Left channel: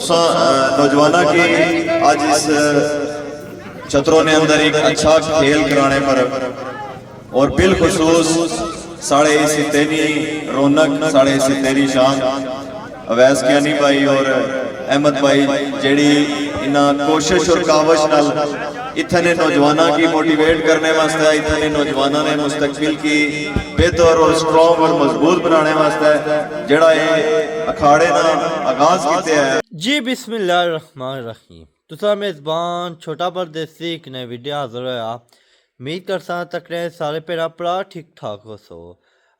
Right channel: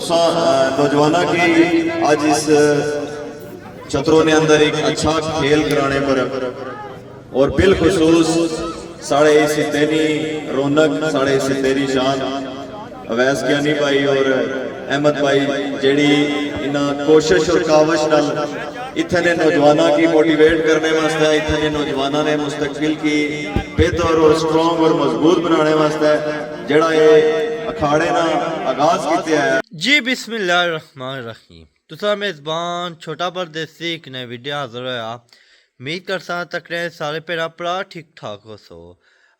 और नौजवानों की आज इस छतरों में अंदर एक अच्छा खेल कराने पर और बिलखसूस साढ़े इसी तेरी रौनक साढ़े इसी तेरी शान अवैस कियानी भाई और अहमद भाई जेड़ी इन्ना कोशिश और कावश नाल इतने नौजवानों की मोटिवेट करने वास्ते इतने नौजवानों ने मुस्तकबिल की बेहतर और स्ट्रॉन्ग और मजबूत बनाने वास्ते जड़ा ये अखाड़े ना आगाज किते है। जी बिस्मिल्लाहिर्रहमानिर्रहीम। तुसा मेज़बान छोटा परदेसी एक नई वीडियो हाजिर होया। उम्मीद करसा तकने सारे भैन भरा ठीक ठाक हो सो।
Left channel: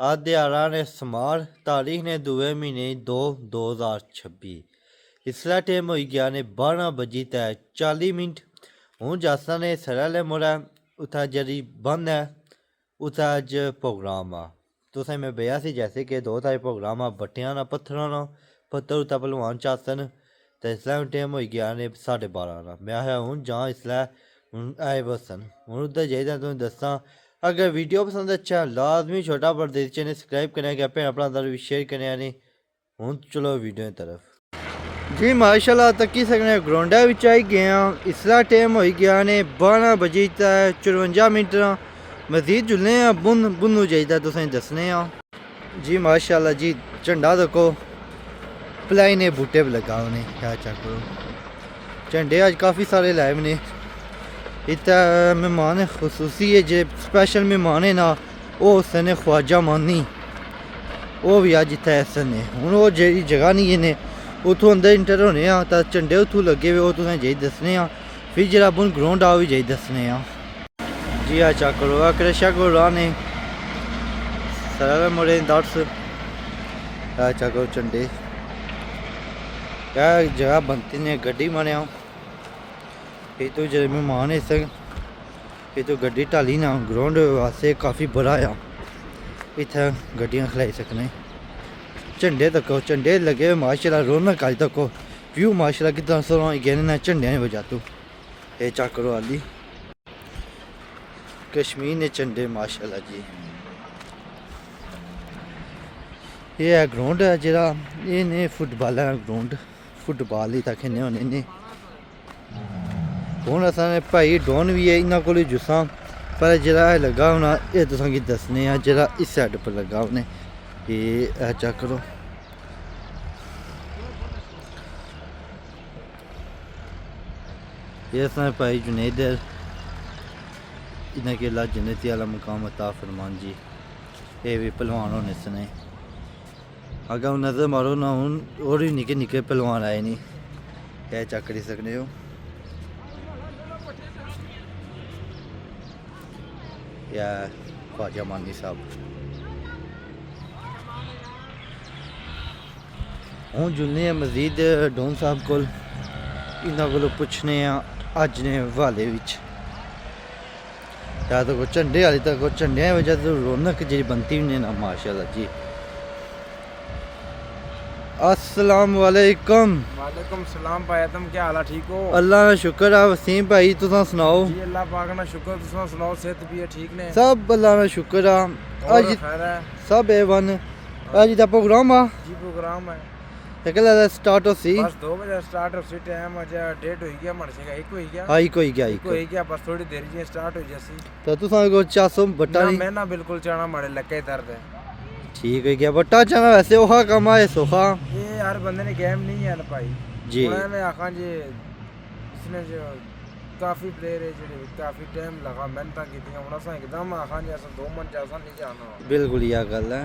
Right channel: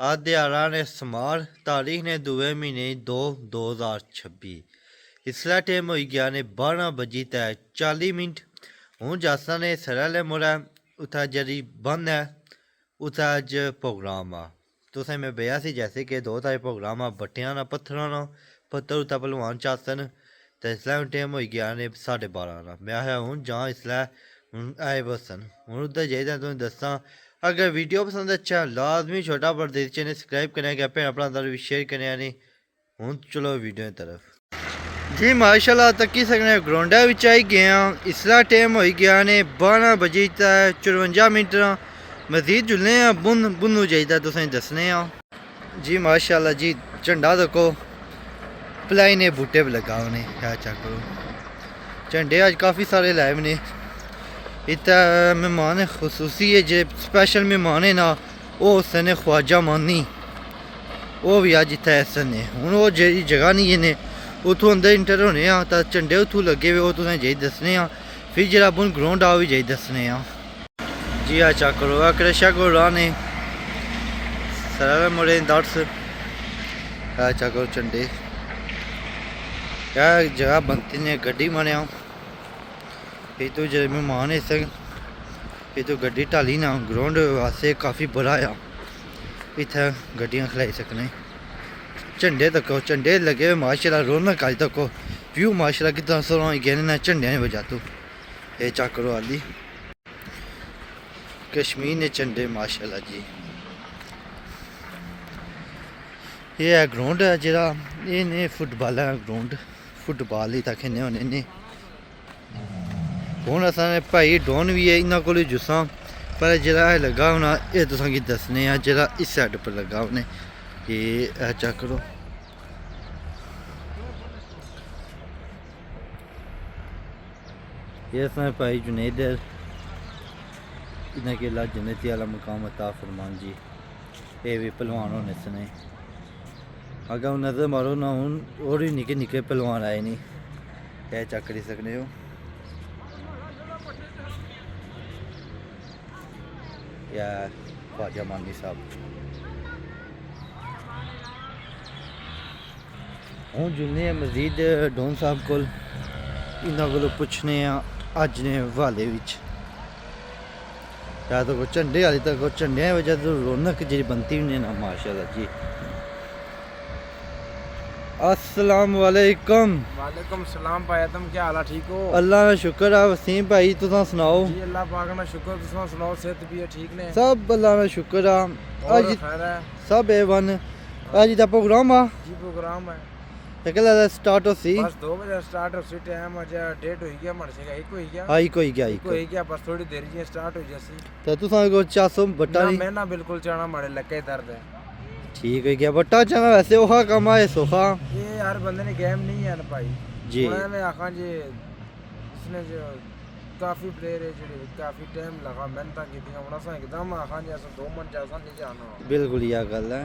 अज दिहाड़ा ने समार तारीख ने 2 महीने 2/2026 इसला टाइम हो गया ने 12 बजी ते 40 मिनट। हूँ जासा ने सरले मुड़ा उत्था जरी बंद है उत्था अज प्रोग्राम आ तुसें मैं बेया सी जैसे कि 2 तारीख प्रोग्राम आ बट्टियां ना पत्थरां ना पत्थर उत्था भलवान चासन तो इसलै टाइम हो गया ने 12:30 ना मैं आया हूँ जहाँ इसलै आए बसन हूँ उधर जाइए तुम दसा। अगर वीडियो पसंद अच्छा लाजमी छोटा परदेसी चैनल सब्सक्राइब करने गया भैन अपना अंदर भी शेयर करने नहीं। हूँ चलो वीडियो की तरफ जी माशाल्लाह तकी सकने ग्राउंडा विच आई गया। इसला टाइम हो गया ने 12 बजे 54 मिनट मजीद जुलने बुन बुनू चाहिए तुसें दसने जी माशाल्लाह जी झंडा देखो भलाई ने बूटे पर लगा उन्हें क्या चेक करो झंडे अज काफ़ी सारे लाए ने। इतना मेहमान खसूसी है जो स्पेशल मेहमान है ना वो उसने ख्वाजा मानी वो भी अज इतना ऐसा ने हूँ वो जी जगह नहीं है उतों अंदर इंटर होने तो झंडे उतों लगे हुए वो तुसें जाई दसने फिर जो अपन ग्राउंड आ भी जाई दसने जी आ चेक करो क्रशा को राह ने सारे मुड़े दस आ चेक करो झंडे क्या जगह बनती ने गड्डी माने फिर तो जो मेहमान है फिर तो गड्डी ढाली ना ग्राउंड वास्ते काफ़ी बड़ा आ इतना गड्डियाँ खलाई सकने। झंडे तको झंडे लगे हुए माशाल्लाह रौनक अज तको व्यू माशाल्लाह कितना सोना गए ना झंडे ने वजह तो ये चेक करो आली कश्मीर ने झंडे माशाल्लाह जी। ये है ग्राउंड है जरा ये ने फुटबॉल है ग्राउंड फुटबॉल ही तक खेलने होने ने हूँ असा भाई डोन भी है इन्होंने को जुस्सा पर जरा लगा होना ये तुसा की दसने जरा इस साइड पर लगा उन्हें ये चेक करो ये भाई जुनेद इन्हें के अल्लाह जन्नती वाला मुकाम अता फरमान जी। ये भी पहलवान होने सने अगर नजर मारो ना हूँ और ही निके निके पहलवान आए नहीं क्या चेक करी सकने हो या ख्वाजा मानी साहब हूँ जुलने मजीद डोन साहब को इन्होंने को पुछने अज ने हवाले या तो झंडे वाली तक झंडे की वजह तो रौनक जी बनती भी ना माशाल्लाह जी। अस्सलाम वालेकुम। वालेकुम सलाम भाई तुम क्या हाल है ठीक हो? अल्लाह का शुक्र है वसीम भाई तुसा सुनाओ? जी अल्लाह पाक ना शुक्र तुसा सुनाओ सेहत भी है ठीक ने? सब अल्लाह का शुक्र है आज खैर है सब ए1 आज दा प्रोग्राम आ जी प्रोग्राम है ते कल स्टार्ट हो सी बस 2 बजे स्टार्ट हो सी टाइम आज डेट होई गया मन से एक होई गया हाई कोई गया एक होई गया बस थोड़ी देर जी स्टार्ट हो जैसी तो तुसा को 400 बट्टा ना मैं ना बिल्कुल चाना मारे लगे दर्द है ठीक है गया बट्टा चाना वैसे ओहा कम है सोखा ये हर बंदे ने गेम नहीं है ना भाई जी मैं आखा जी इसने जो काफी प्लेयर है जेडे काफी टाइम लगा मेहनत की हुन असा एकदम आखा जी असा 2 मन जैसा नहीं जाना बिल्कुल यह गल है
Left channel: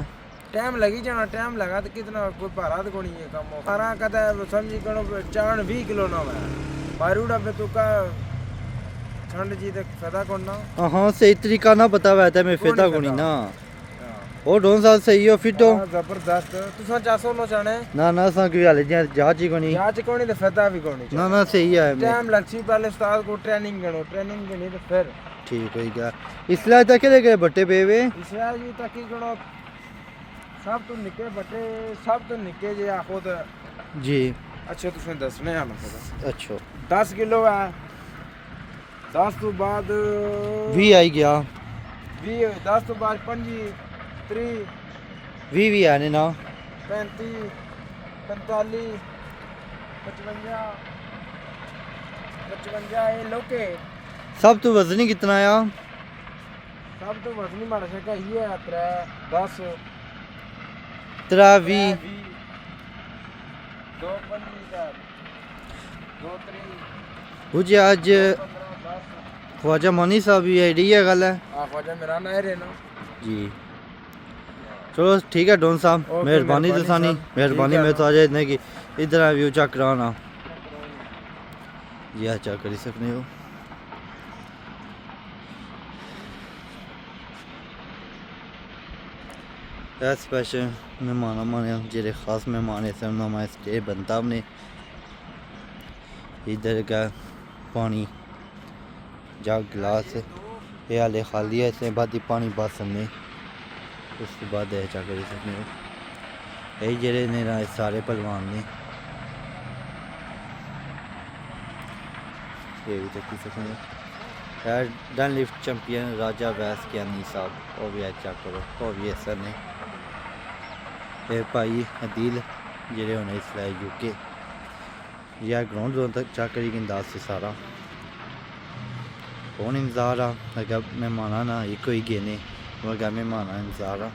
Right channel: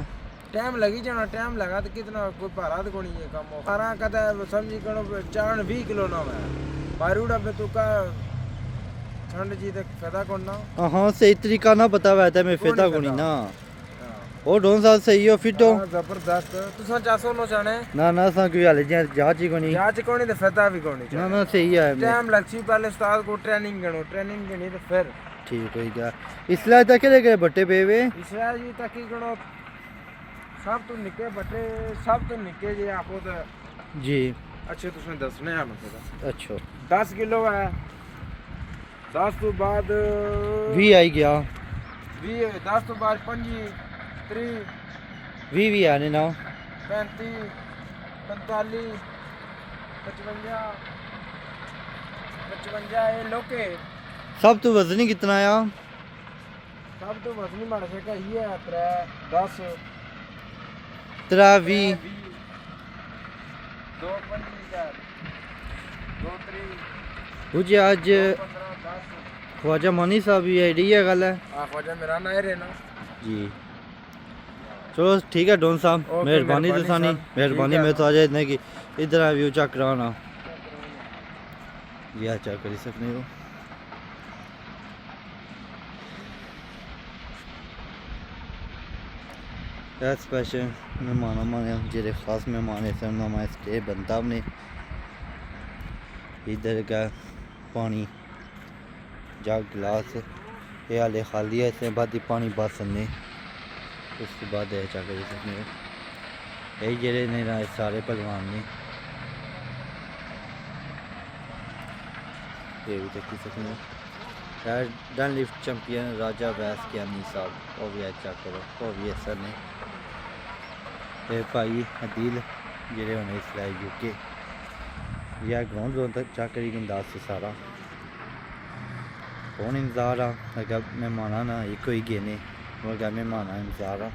टाइम लगी जाना टाइम लगा तो कितना कोई भारा तो कोनी है कम भारा कदा समझी करो चाण 20 किलो ना मैं बारूड़ा पे तो का ठंड जी तक फायदा करना हां सही तरीका ना बता वैसे मैं फायदा कोनी ना ओ डोन साहब सही हो फिट हो जबरदस्त तुसा 400 नो चाणे ना ना सा की हाल जांच ही कोनी जांच कोनी तो फायदा भी कोनी ना ना सही है टाइम लगसी पहले उस्ताद को ट्रेनिंग करो ट्रेनिंग के नहीं तो फिर ठीक हो गया इसलिए तक के बट्टे पेवे इसलिए जी तक ही करो सब तो निके बटे सब तो निके जे आखो तो जी अच्छे तुसें दसने हैं मतलब अच्छा 10 किलो है 10 तो बाद 20 आई गया 20 10 तो बाद 25 30 20 आने ना 35 45 55 55 ये लोके सब तो वजनी कितना आया? सब तो वजनी माड़ा शका ही है 3 10 3 20 2 25 2 3 मुझे आज 15 10 ख्वाजा मनी साहब भी आईडी है गल है आ ख्वाजा मेरा ना है ना जी। चलो ठीक है डॉन साहब, ओके, मेहरबानी मेहरबानी दसानी, साहब, मेहरबानी ठीक है मैं तो आ जाए इतने की इधर व्यू चेक कराना यह चेक कर सकते हो। स्पेशल मेहमान माने जेरे खास मेहमान ऐसे उन्होंने स्टे बनता हमने इधर का पानी जग गिलास ये हाले खाली है, इसमें बाद ही पानी बस ने उसके बाद चेक कर सकते हो। यही जेरे ने सारे पहलवान ने ये भी चेक कर सकते हो। यार डन लिफ्ट चैंपियन राजा वैस कियानी साहब वो भी चेक करो, वो भी ऐसा नहीं ये भाई अदील जेरे होने इसलिए यूके यार ग्राउंड जोन तक चेक करी अंदाज से सारा कौन इंतजार आ अगर मेहमान ना एक ही गेने मगर मेहमान इंतजार आ।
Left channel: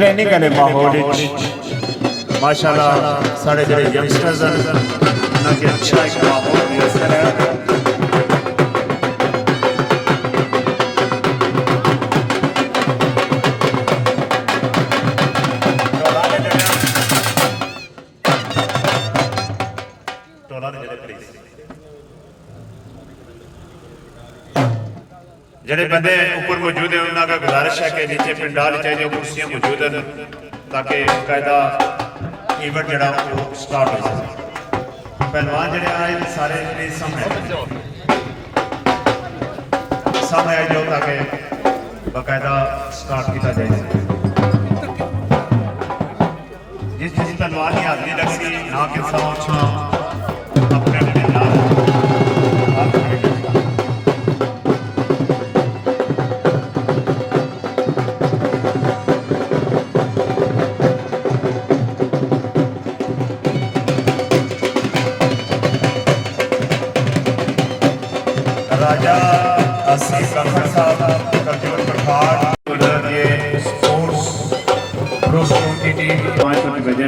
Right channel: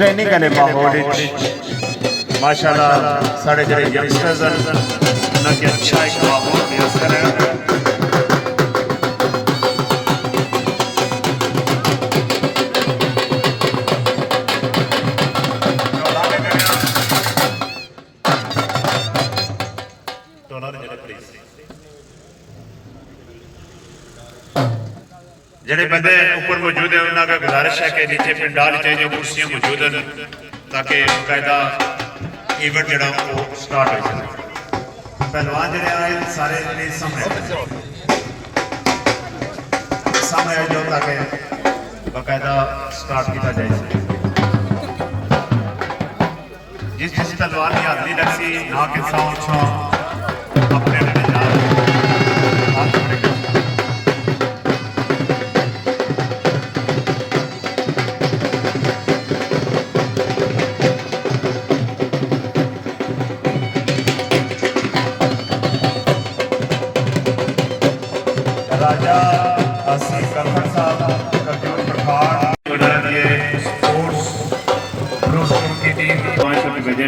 ट्रेनिंग वाले माहौल माशाल्लाह साढ़े जो यंगस्टर्स उन्हें अच्छा एक माहौल मैसर है। ਜਿਹੜੇ ਬੰਦੇ ਉੱਪਰ ਮੌਜੂਦ ਹੈ ਉਹਨਾਂ ਦਾ ਗੁਜ਼ਾਰਿਸ਼ ਹੈ ਕਿ ਨੀਚੇ ਪਿੰਡਾਂ ਵਿੱਚ ਜੋ ਕੁਰਸੀਆਂ ਮੌਜੂਦ ਹਨ ਤਾਂ ਕਿ ਕਾਇਦਾ ਇਵੈਂਟ ਜਿਹੜਾ ਉਹ ਸਟਾਰਟ ਹੋ ਸਕੇ। ਪਹਿਲਵਾਨ ਜਿਹੜੇ ਆਏ ਸਾਰੇ ਪਲੀਜ਼ ਸਾਹਮਣੇ ਆ ਜਾਓ ਤਾਂ ਕਿ ਬਕਾਇਦਾ ਸਟਾਰਟ ਕੀਤਾ ਜਾਏ। ਜਿਸ ਪਹਿਲਵਾਨ ਦੀ ਹਾਜ਼ਰੀ ਲੱਗੀ ਨਾ ਕਿ ਸਾਹਮਣੇ ਆਪਣੇ ਆਪਣੇ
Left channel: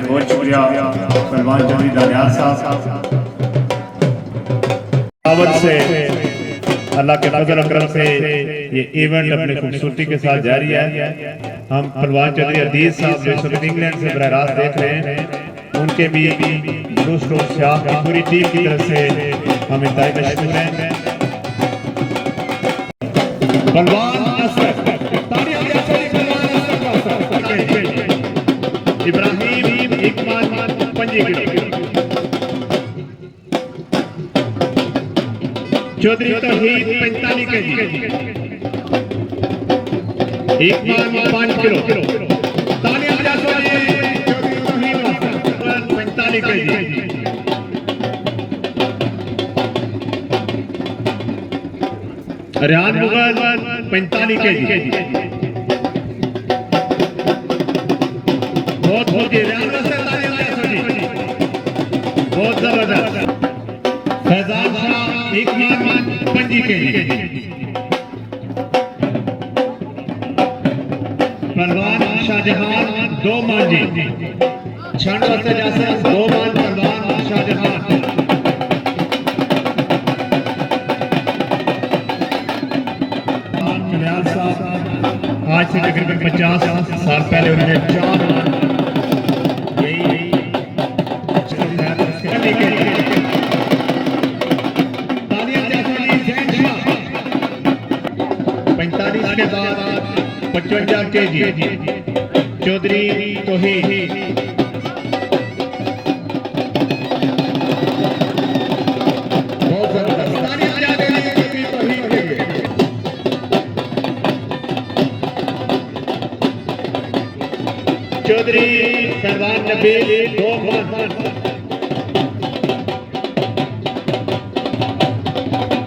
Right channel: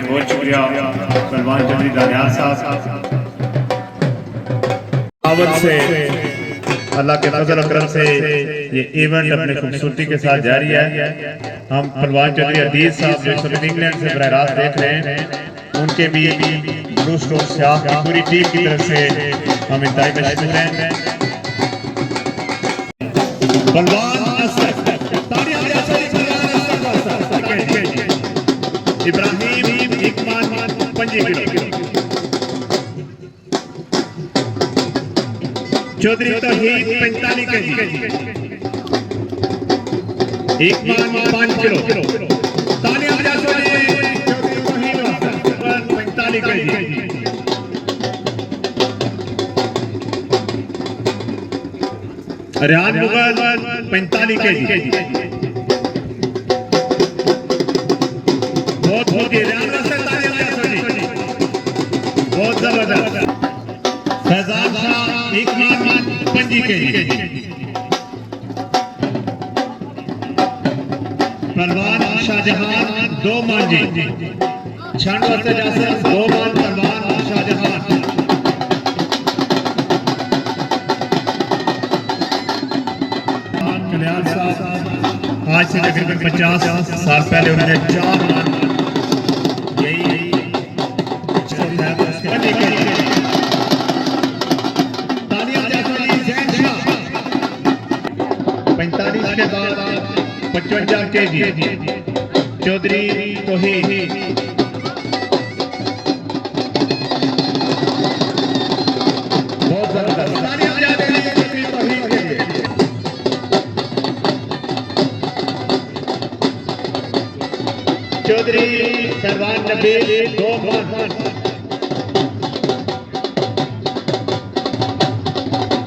बहुत शुक्रिया पहलवान चौधरी दानियाल साहब से अल्लाह के फजल और करम से ये इवेंट अपने खूबसूरती के साथ जारी है। हम पहलवान चौधरी अदीज साहब जो इस वक्त इंग्लैंड से बराह रास्त देख रहे हैं उनके भी दुरुस्त और स्याह की पूरी टीम की तरफ से हम इंतहाई तशक्कुर हैं। Ibrahim Iqbal 5 kilo, Chaudhary Tauheed 45 KG, Iqbal 5 kilo, Tania Jaswali Chaudhary Tauheed 45 KG, Riyan Mughal 45 KG, बहुत जबरदस्त फैजान शाह इकबाल 5 केजी, पहलवान शाहजहां 2 मांझी, छानों से जैसे 2 मान पहलवान शाहजहां, कल्याण साहब आज से तकरीबन 50 साल पहले उन्होंने 4 मान चौधरी तौहीद चौधरी पहलवान नबी 2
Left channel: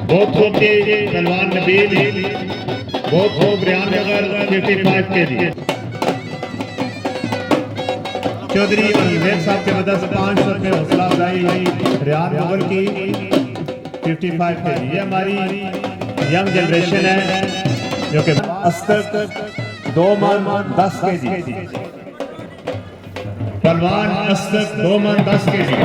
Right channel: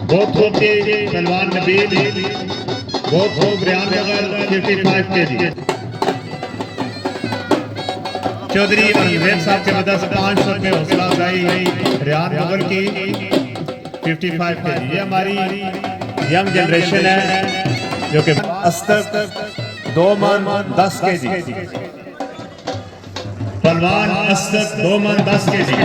बहुत खूब पहलवान नबी बहुत खूब रियान नगर 55 केजी, चौधरी अनवेर साहब जबरदस्त 500 रुपये हौसला अफजाई रियान नगर की 55 केजी। ये हमारी यंग जनरेशन है जो कि अस्तर 2 मान 10 केजी, पहलवान अस्तर 2 मान 10 केजी,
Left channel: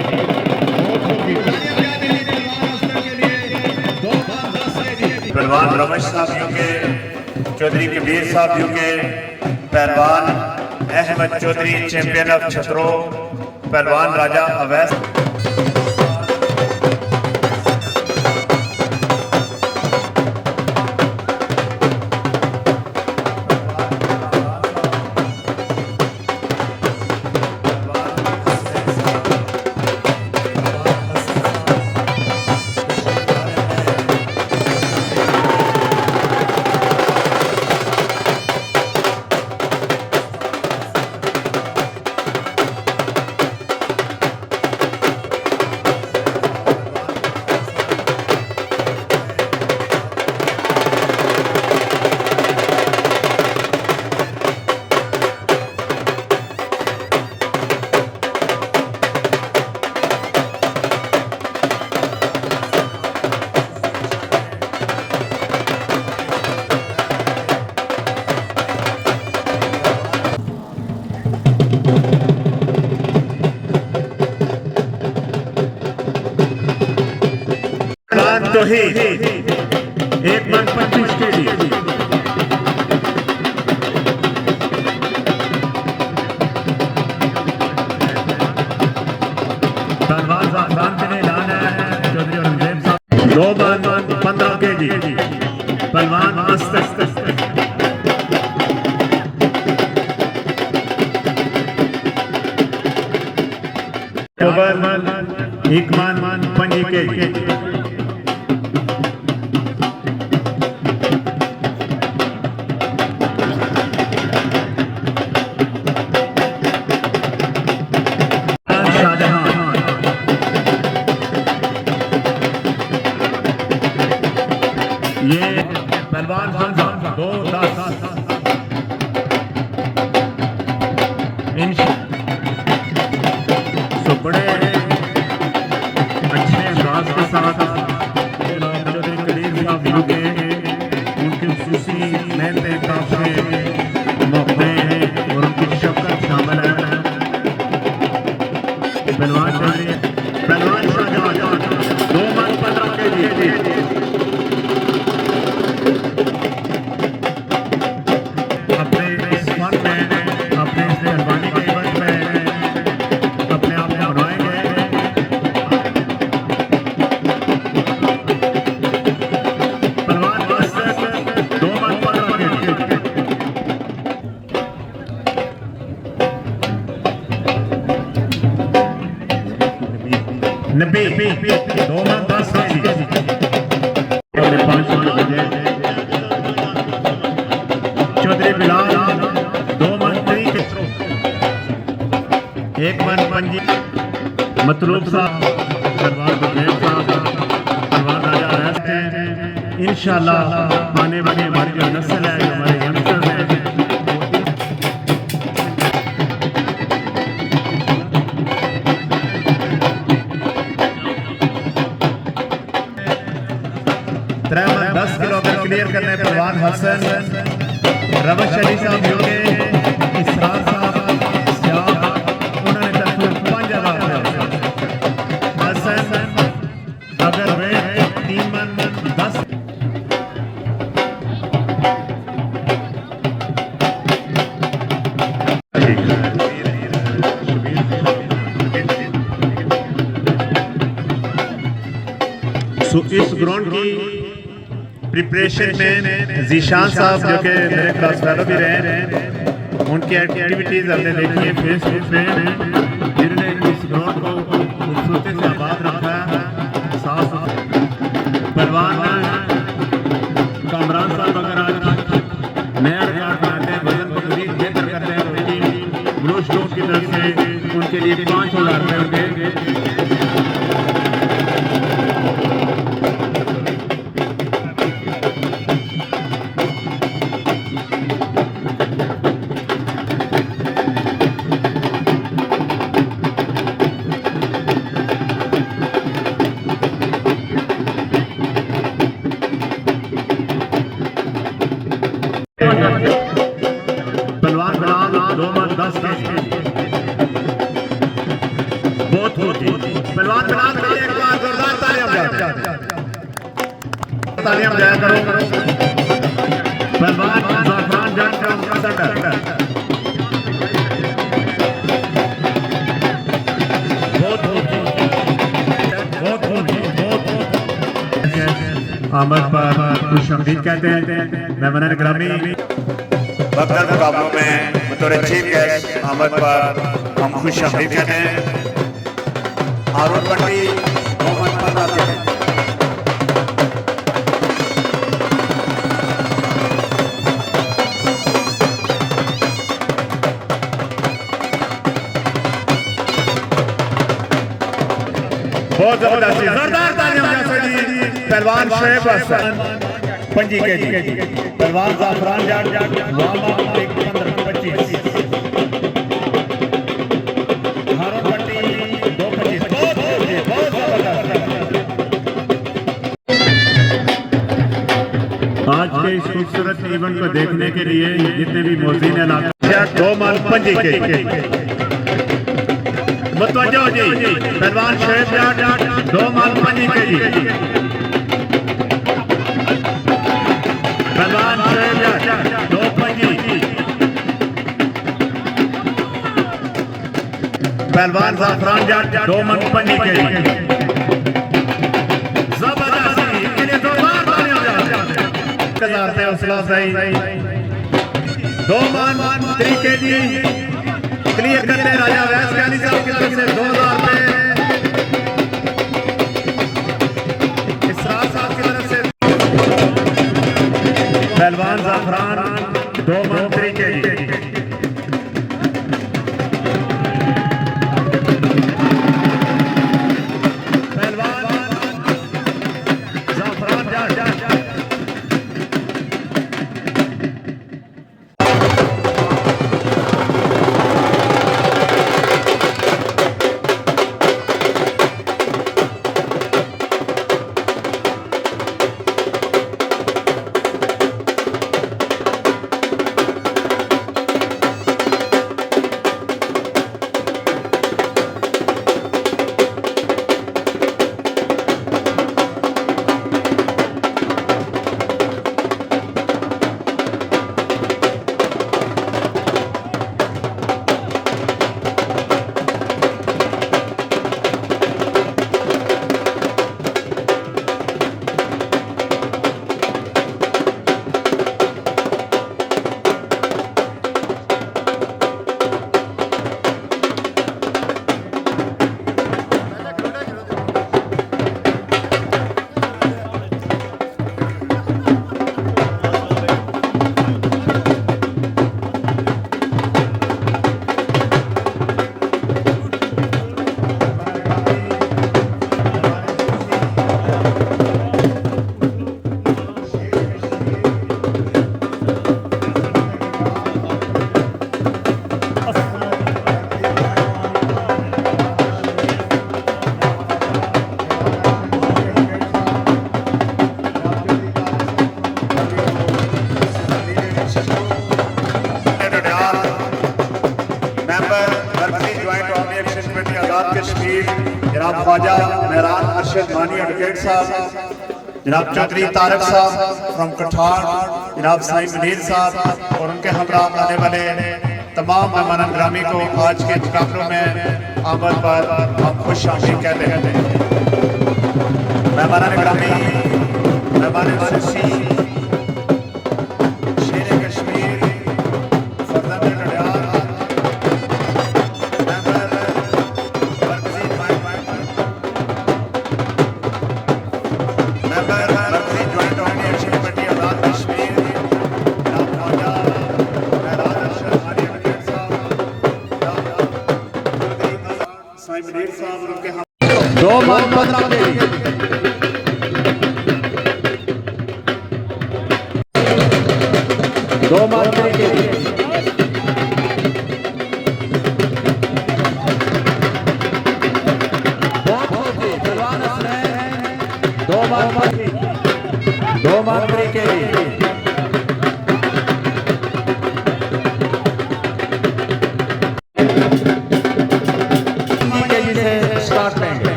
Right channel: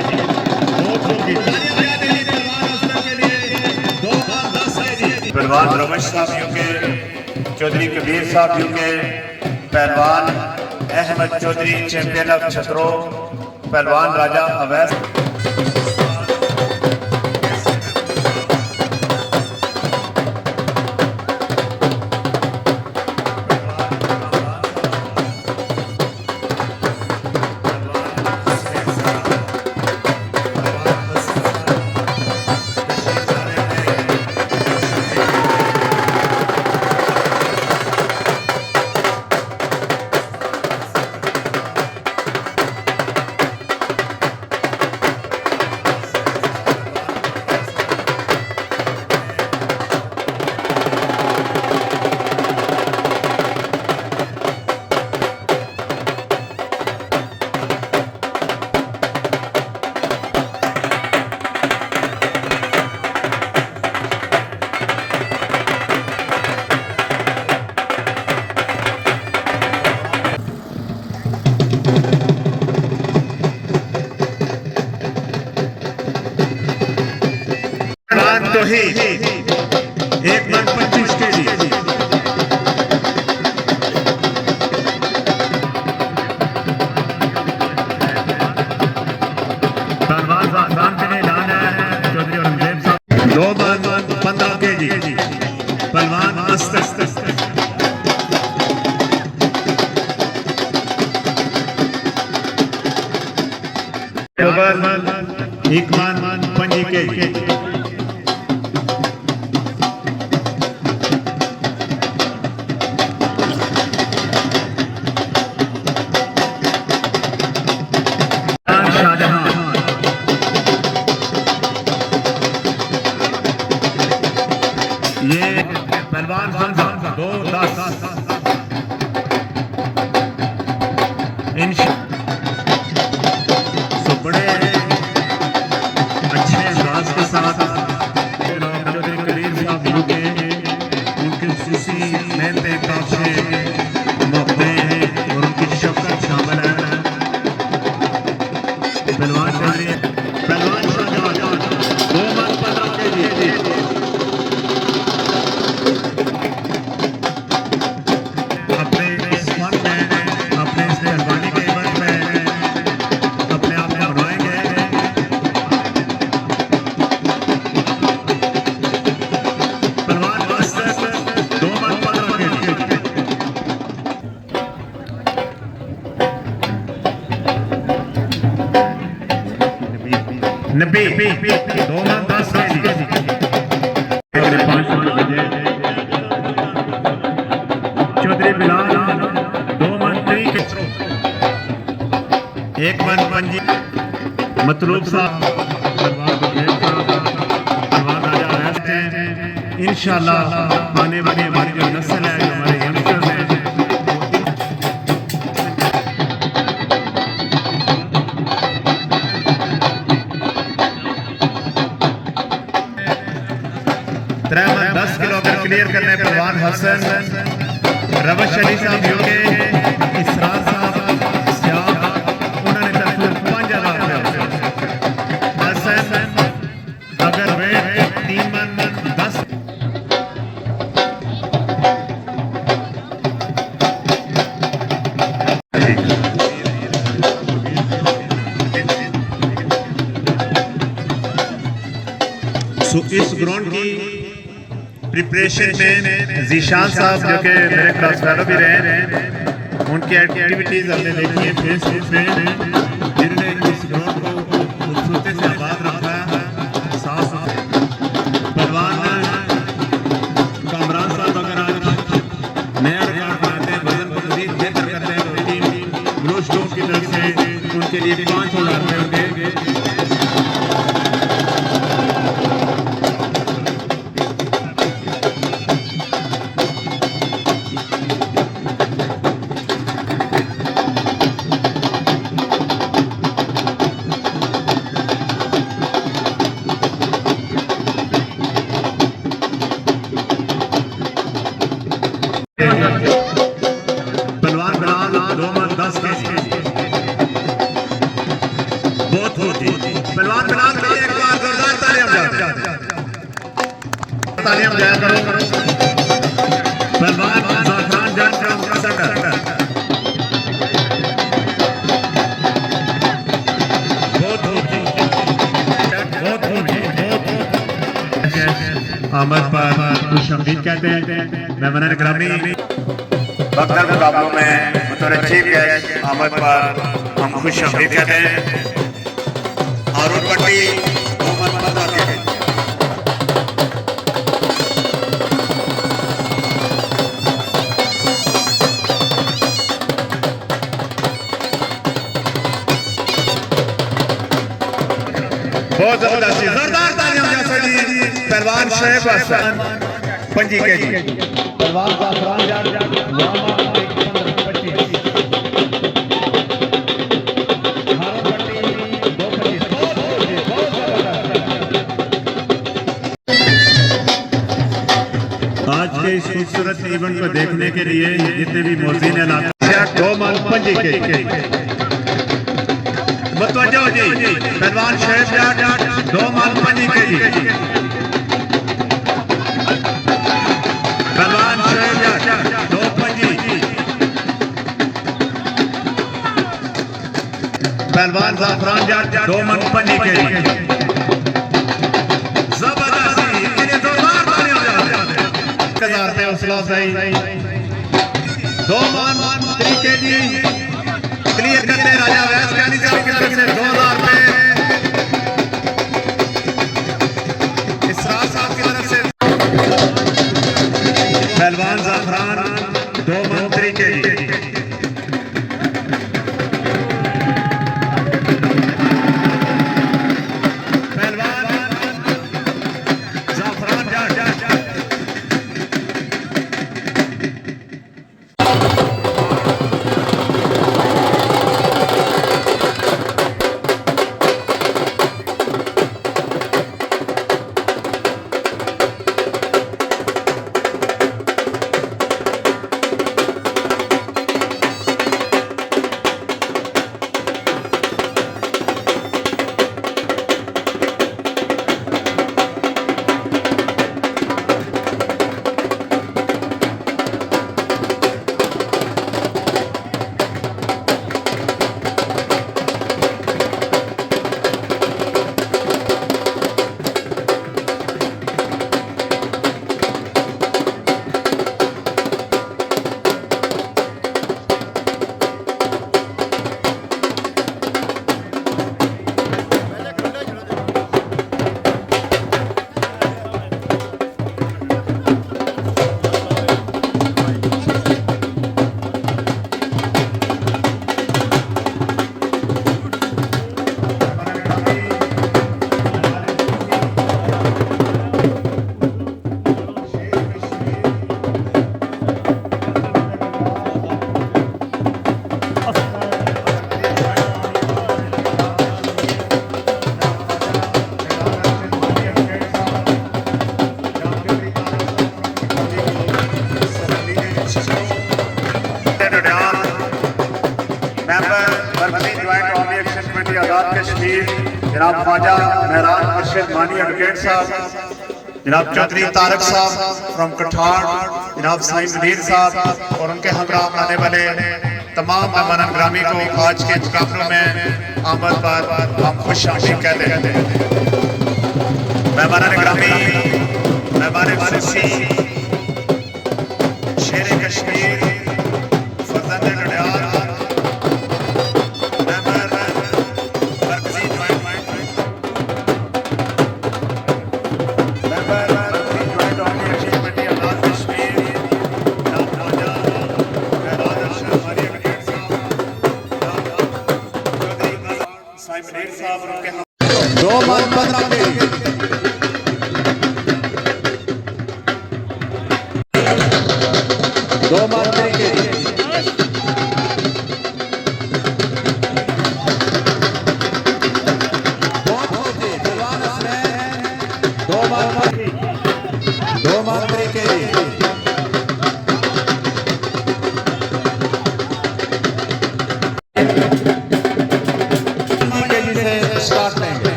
पहलवान रमेश साहब के चौधरी कबीर साहब के पहलवान अहमद चौधरी चैंपियन ऑफ छतरो, पहलवान राजा अवैस, तौहीद 1 मन 25 kg। पहलवान ज़ाफ़रान के लिए ऐलान है चौधरी औरंगज़ेब साहब 2 मन 15 kg। पहलवान मस्त एक मान 5 kg। ये पहलवान हमजा 2-10 तो बड़े अच्छे अंदाज के साथ चौधरी कबीर साहब के उनकी खुशी मेहनत काफी मौके और उनकी शफकत शामिल है। पहलवान चौधरी पहलवान शाहजहां 2 मन 15 kg। अपने इस फन में अपने इस मेहरबानी के इवंट में अपने आप में बनाएंगे। पहलवान बस 2 मन 15 kg। नब्बे 2 मन 10 kg। चौधरी बिलाल 2 मन 3 kg। 1 मन 5 मतलूब साहब इंशाल्लाह आने वाली हमारी जो नस्ल है जो हमारे यंगस्टर्स हैं वो 10 किलो अगर क्लियर करने पहलवान हसन रवश अली साहब यूके इसरार साहब सियाह उन्होंने तकरीबन 5000 हसन अगर वे 3 मन 10 सो इस ग्राउंड की प्रिपरेशन में जीशान साहब जो कि मेरे क्लास फेलो भी रहे हैं उनकी एक्टिविटीज हमने देखी है फेसबुक पे जिन्होंने इस ग्राउंड को खूबसूरती से आबाद रखा है। साफ पहलवान कामरान साहब अगर आज नया रिकॉर्ड बनाते हैं वजन को मजीद बेहतर करते हैं तो टीम ग्रोथ स्टोर की तरफ से उनके लिए 5,000 रुपये होंगे। पहलवान बिलाल 2 मन 10 kg। बहुत होती पहलवान बिलाल के लिए एक बार जोरदार तालियां बजाया करो। पहलवान ज़ाफ़रान जंग का सेंटर आमद पर खुश आमदीद कहते हैं। मेहमान ग्रामी बक्सर मुकाबलों में बतौर चीफ गेस्ट आमद पर हम खुश आमदीद कहते हैं। आरोप पट्टी बहुत जबरदस्त जोरदार तालियां पहलवान शोएब हसन 5 kg। पहलवान ज़ाफ़रान जंग 15-25। आज के इस खूबसूरत इवेंट को देखने के लिए जितने भी मौज़ीन हैं 2 मन 5 kg। मतवज्जो जी पहलवान शोएब 2 मन 5 kg। पहलवान शहजाद 2 पंजी, पहलवान जाफरान जाट 2 मन पंजी के लिए जबरदस्ती इन्हें जोरदार तालियां बजाते हैं। 1000 रुपये हौसला अफजाई 2 मन तरीके जी क्लियर करते राजा वैस कैली साहब की तरफ से 2000 रुपये, इसरार साहब की तरफ से पहलवान जाफरान 2 मन तरीके जी, जनाब ख्वाजा महराज अरशद मानी एडवोकेट साहब, जनाब चौधरी तारक साहब फ्रॉम कठार, जनाब साईं मुनीर साहब और उनके हमरा आने वाले तमाम मेहमान ग्रामी को आज के मुकाबलों में आमद पर हम खुश आमदीद कहते हैं। मेहमान ग्रामी, मेहमान खुशी, शेर कश्मीर, फजल लड़ियार,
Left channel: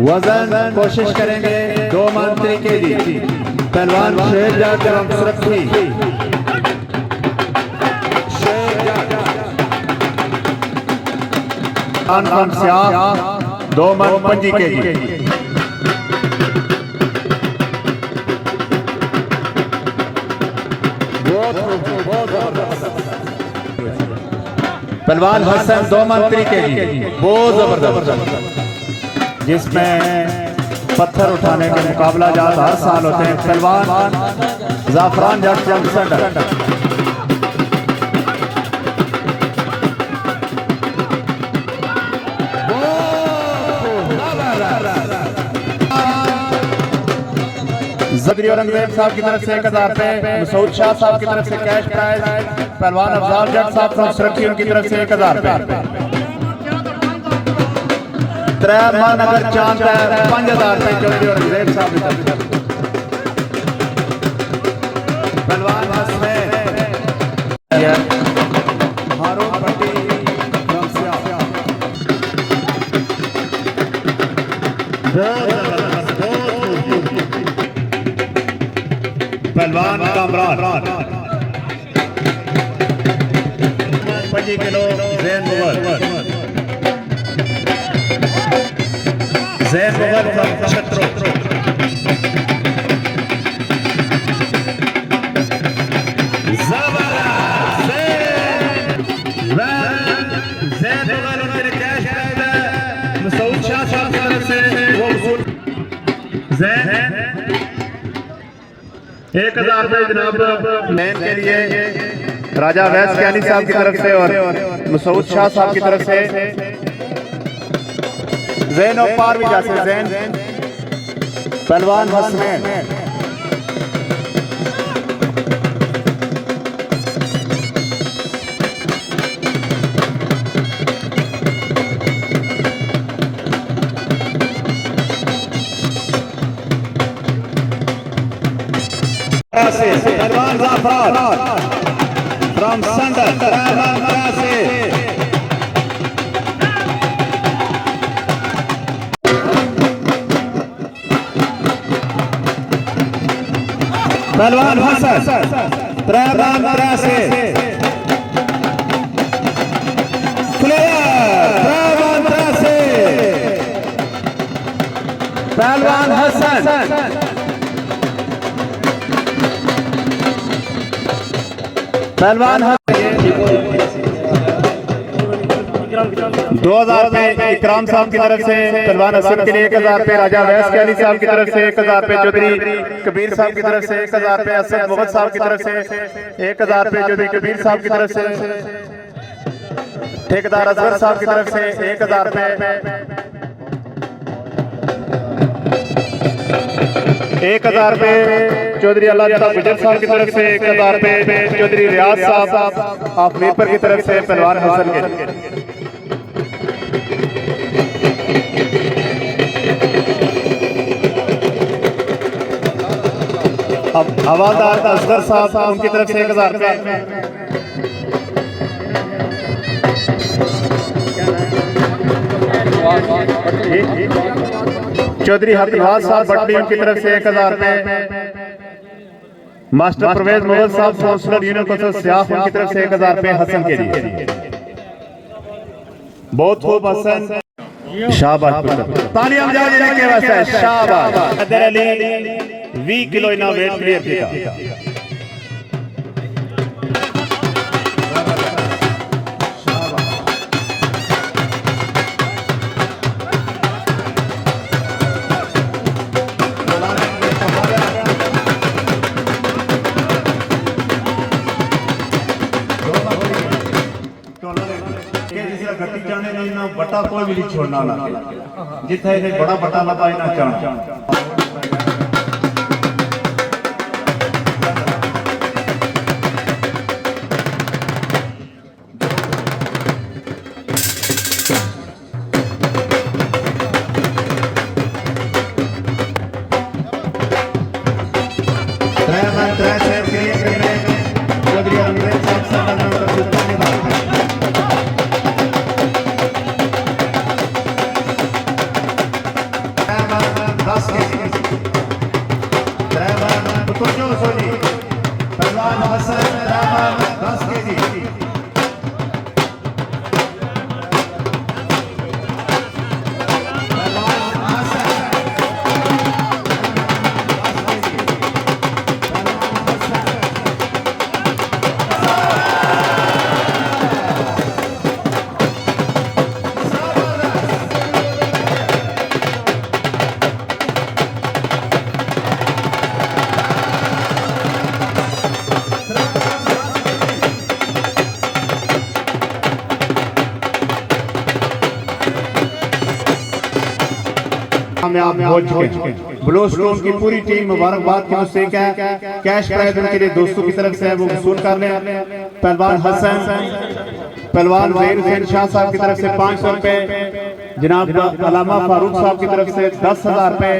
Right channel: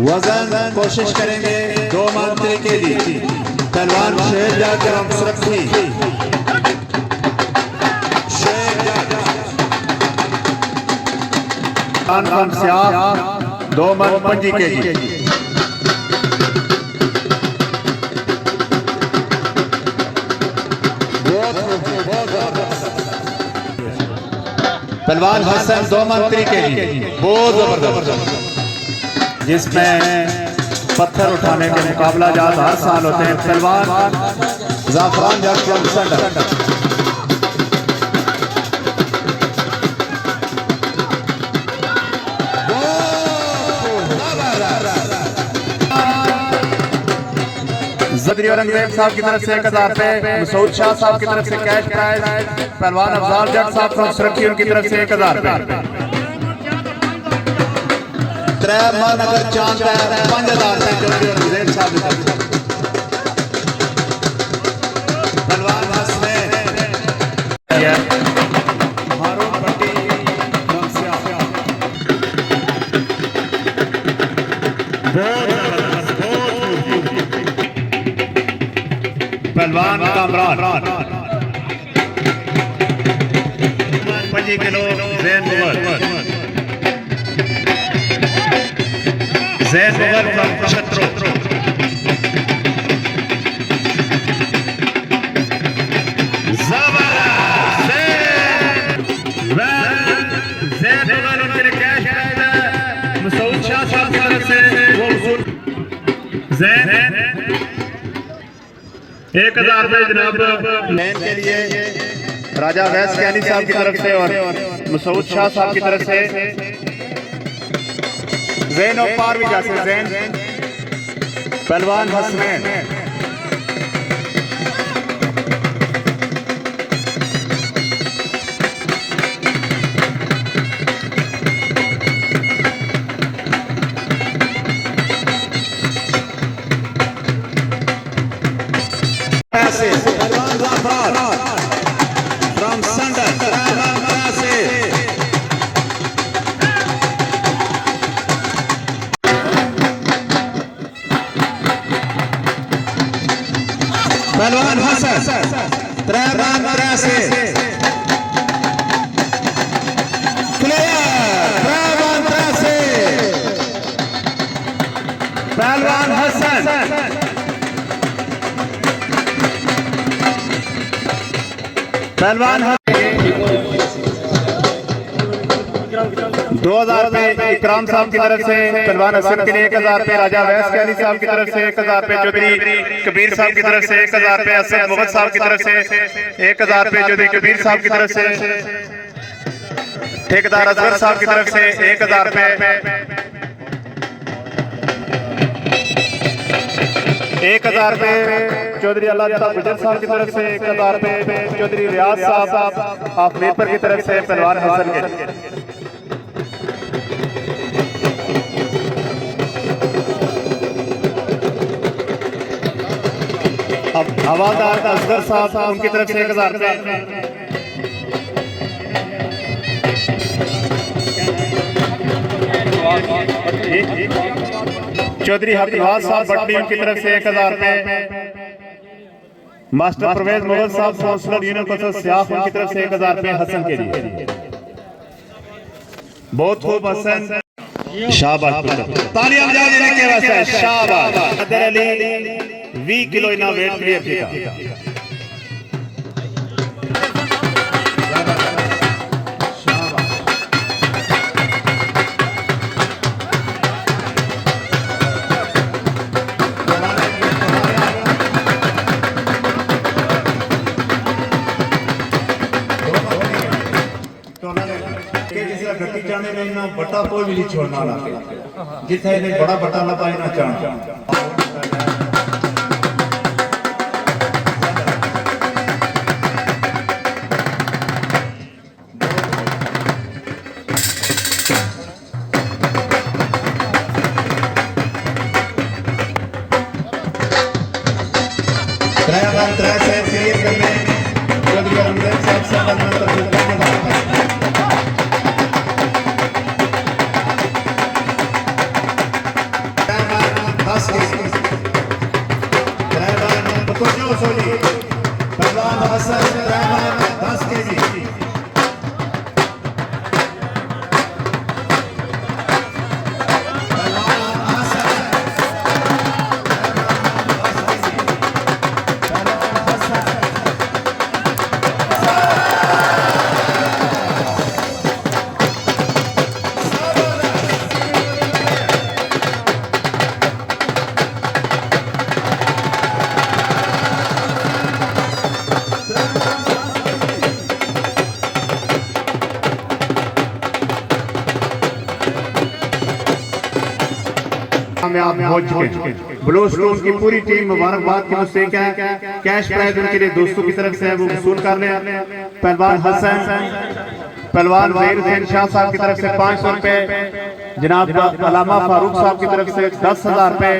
वजन कोशिश करेंगे 2 मन तरीके जी, पहलवान शहजाद सुरक्षी दो मन 25 kg। पहलवान हसन 2 मन 3 kg, बहुत जबरदस्त, जिसमें पत्थर उठाने के मुकाबला जात हर साल होते हैं। पहलवान जाफरान जट जंक्शन चौधरी औरंगजेब साहब की तरफ से 1000 रुपए, मसूद शाह साहब की तरफ से कैश प्राइज, पहलवान अफजाल जट साहब फ्रॉम सुरखी उनकी तरफ से 1000 रुपए। त्रैमान नगर चांद 5000 रुपए चौधरी औरंगजेब साहब की तरफ से। पहलवान हसनैन हारून पट्टी मनसिया। पहलवान कामरान 25 किलो जैन मुगल फ्रॉम छत्रो। जैन मुगल उनके लिए कैश प्राइज है, मसूद शाह साहब की तरफ से वो वसूल। जैन 1000 रुपए जनाब मेन के लिए राजा वैस कैनी साहब की तरफ से और मसूद शाह साहब की तरफ से। जैन और पार भी जा सकते हैं। पहलवान हसनैन फ्रॉम संडन पहलवान हसन 3 पहलवान हसन पहलवान 2000 रुपए इकराम साहब की तरफ से। पहलवान हसन के लिए 1000 रुपए, राजा वैस कैनी साहब की तरफ से 1000 रुपए, चौधरी कबीर साहब की तरफ से 1000 रुपए, असद मुगल साहब की तरफ से 1000 रुपए, चौधरी कबीर साहब की तरफ से, ठेकेदार अजगर साहब की तरफ से 1000 रुपए, 1000 रुपए चौधरी अल्लाह गुजर साहब की तरफ से, 1000 रुपए चौधरी रियाज साहब ऑफ मीरपुर की तरफ से पहलवान हसन के। अब हवालदार असगर साहब उनकी तरफ से 1000 रुपए। चौधरी हकीवास साहब भट्टी उनकी तरफ से 1000 रुपए। मास्टर परवेज मुगल साहब काउंसलर यूनियन कौंसिल सियाफ उनकी तरफ से 1000 रुपए हसन के लिए। बहुत खूब हसन, शाबाश पुत्र, तालियां बजा देने के वास्ते शाबाश। हैदर अली 20 किलो इना वेट क्लियर किया। बटा कोई भी नहीं छोड़ना ना, जिथे बड़ा बटा ना पाई ना चाण। कामयाब हो चुके ब्लू स्टोन की पूरी टीम मुबारकबाद की मुझसे क्या कैश प्राइज उनके लिए दोस्तों की तरफ से है वो वसूल कर लें। पहलवान हसन, पहलवान जहीर हुसैन शाह साहब की तरफ से 500 रुपए, जनाब अलामा फारूक साहब की तरफ से 10,000 रुपए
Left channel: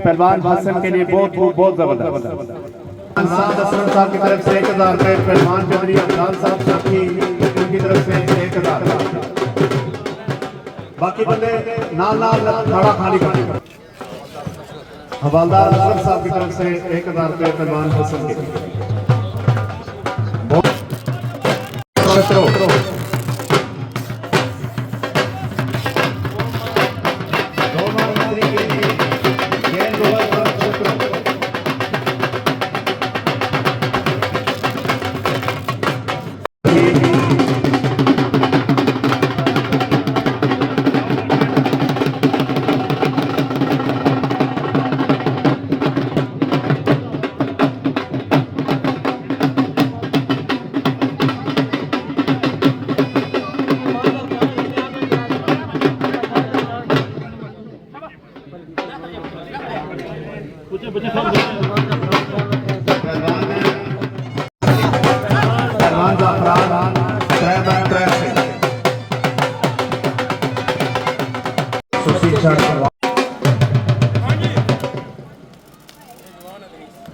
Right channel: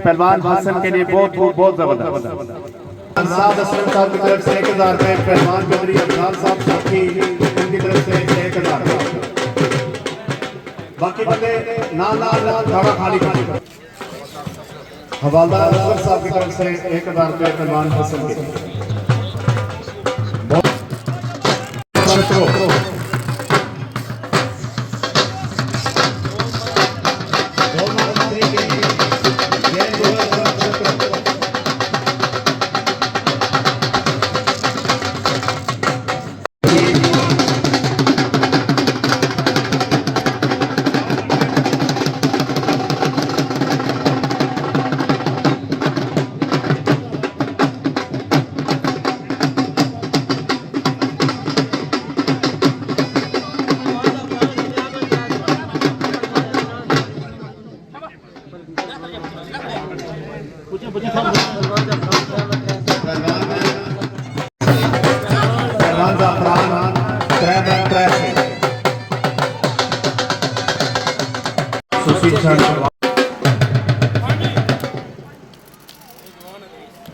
पहलवान हसन के लिए बहुत जबरदस्त। साद असलम साहब की तरफ से 1,000 रुपए, पहलवान चौधरी अफजाल साहब की तरफ से 1,000 रुपए। बाकी बंदे ना थोड़ा खाली हवालदार असलम साहब की तरफ से 1,000 रुपए पहलवान हसन के लिए।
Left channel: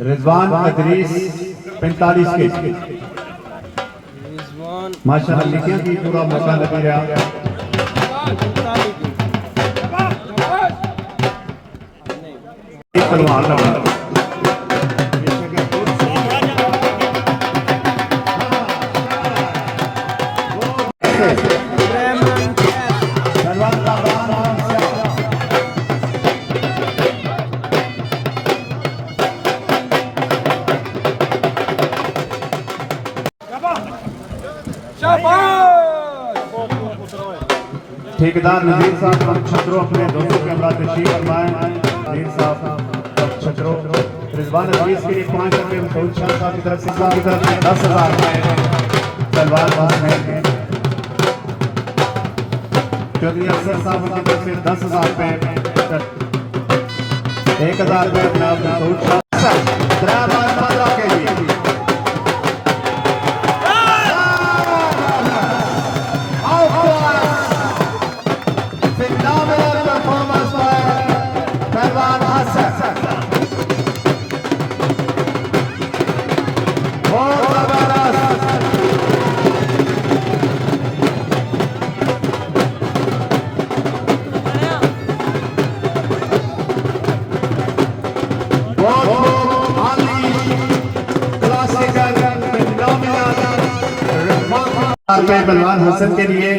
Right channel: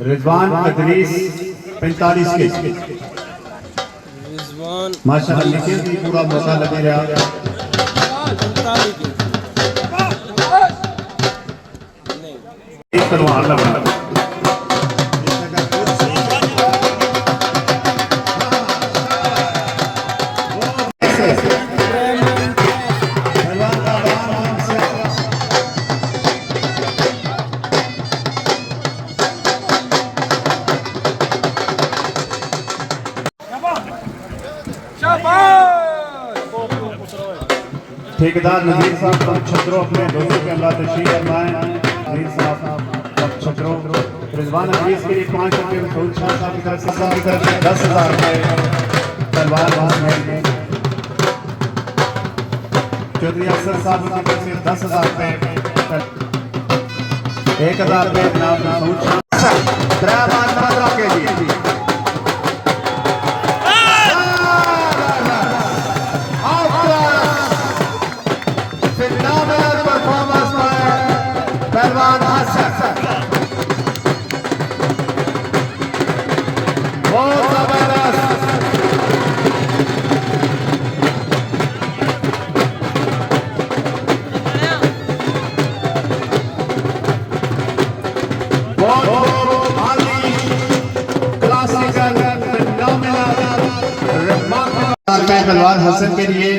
रिजवान अदरीस 45 के माशाअल्लाह लिखे भी पूरा मौका लगे रहा। ठेकेदार नजीर साहब छत्रों अपने दोस्तों के अल्लाह तशरीफ फरमाएं। नजीर साहब छत्रों रिजवान अजीज के लिए 5 रुपए, फरूख शाह साहब की तरफ से 10,000 रुपए, सलवार हसन चौधरी अफसर साहब की तरफ से 10,000 रुपए, 1,000 रुपए जनाब फरूख शाह के लिए। पहलवान हसन के लिए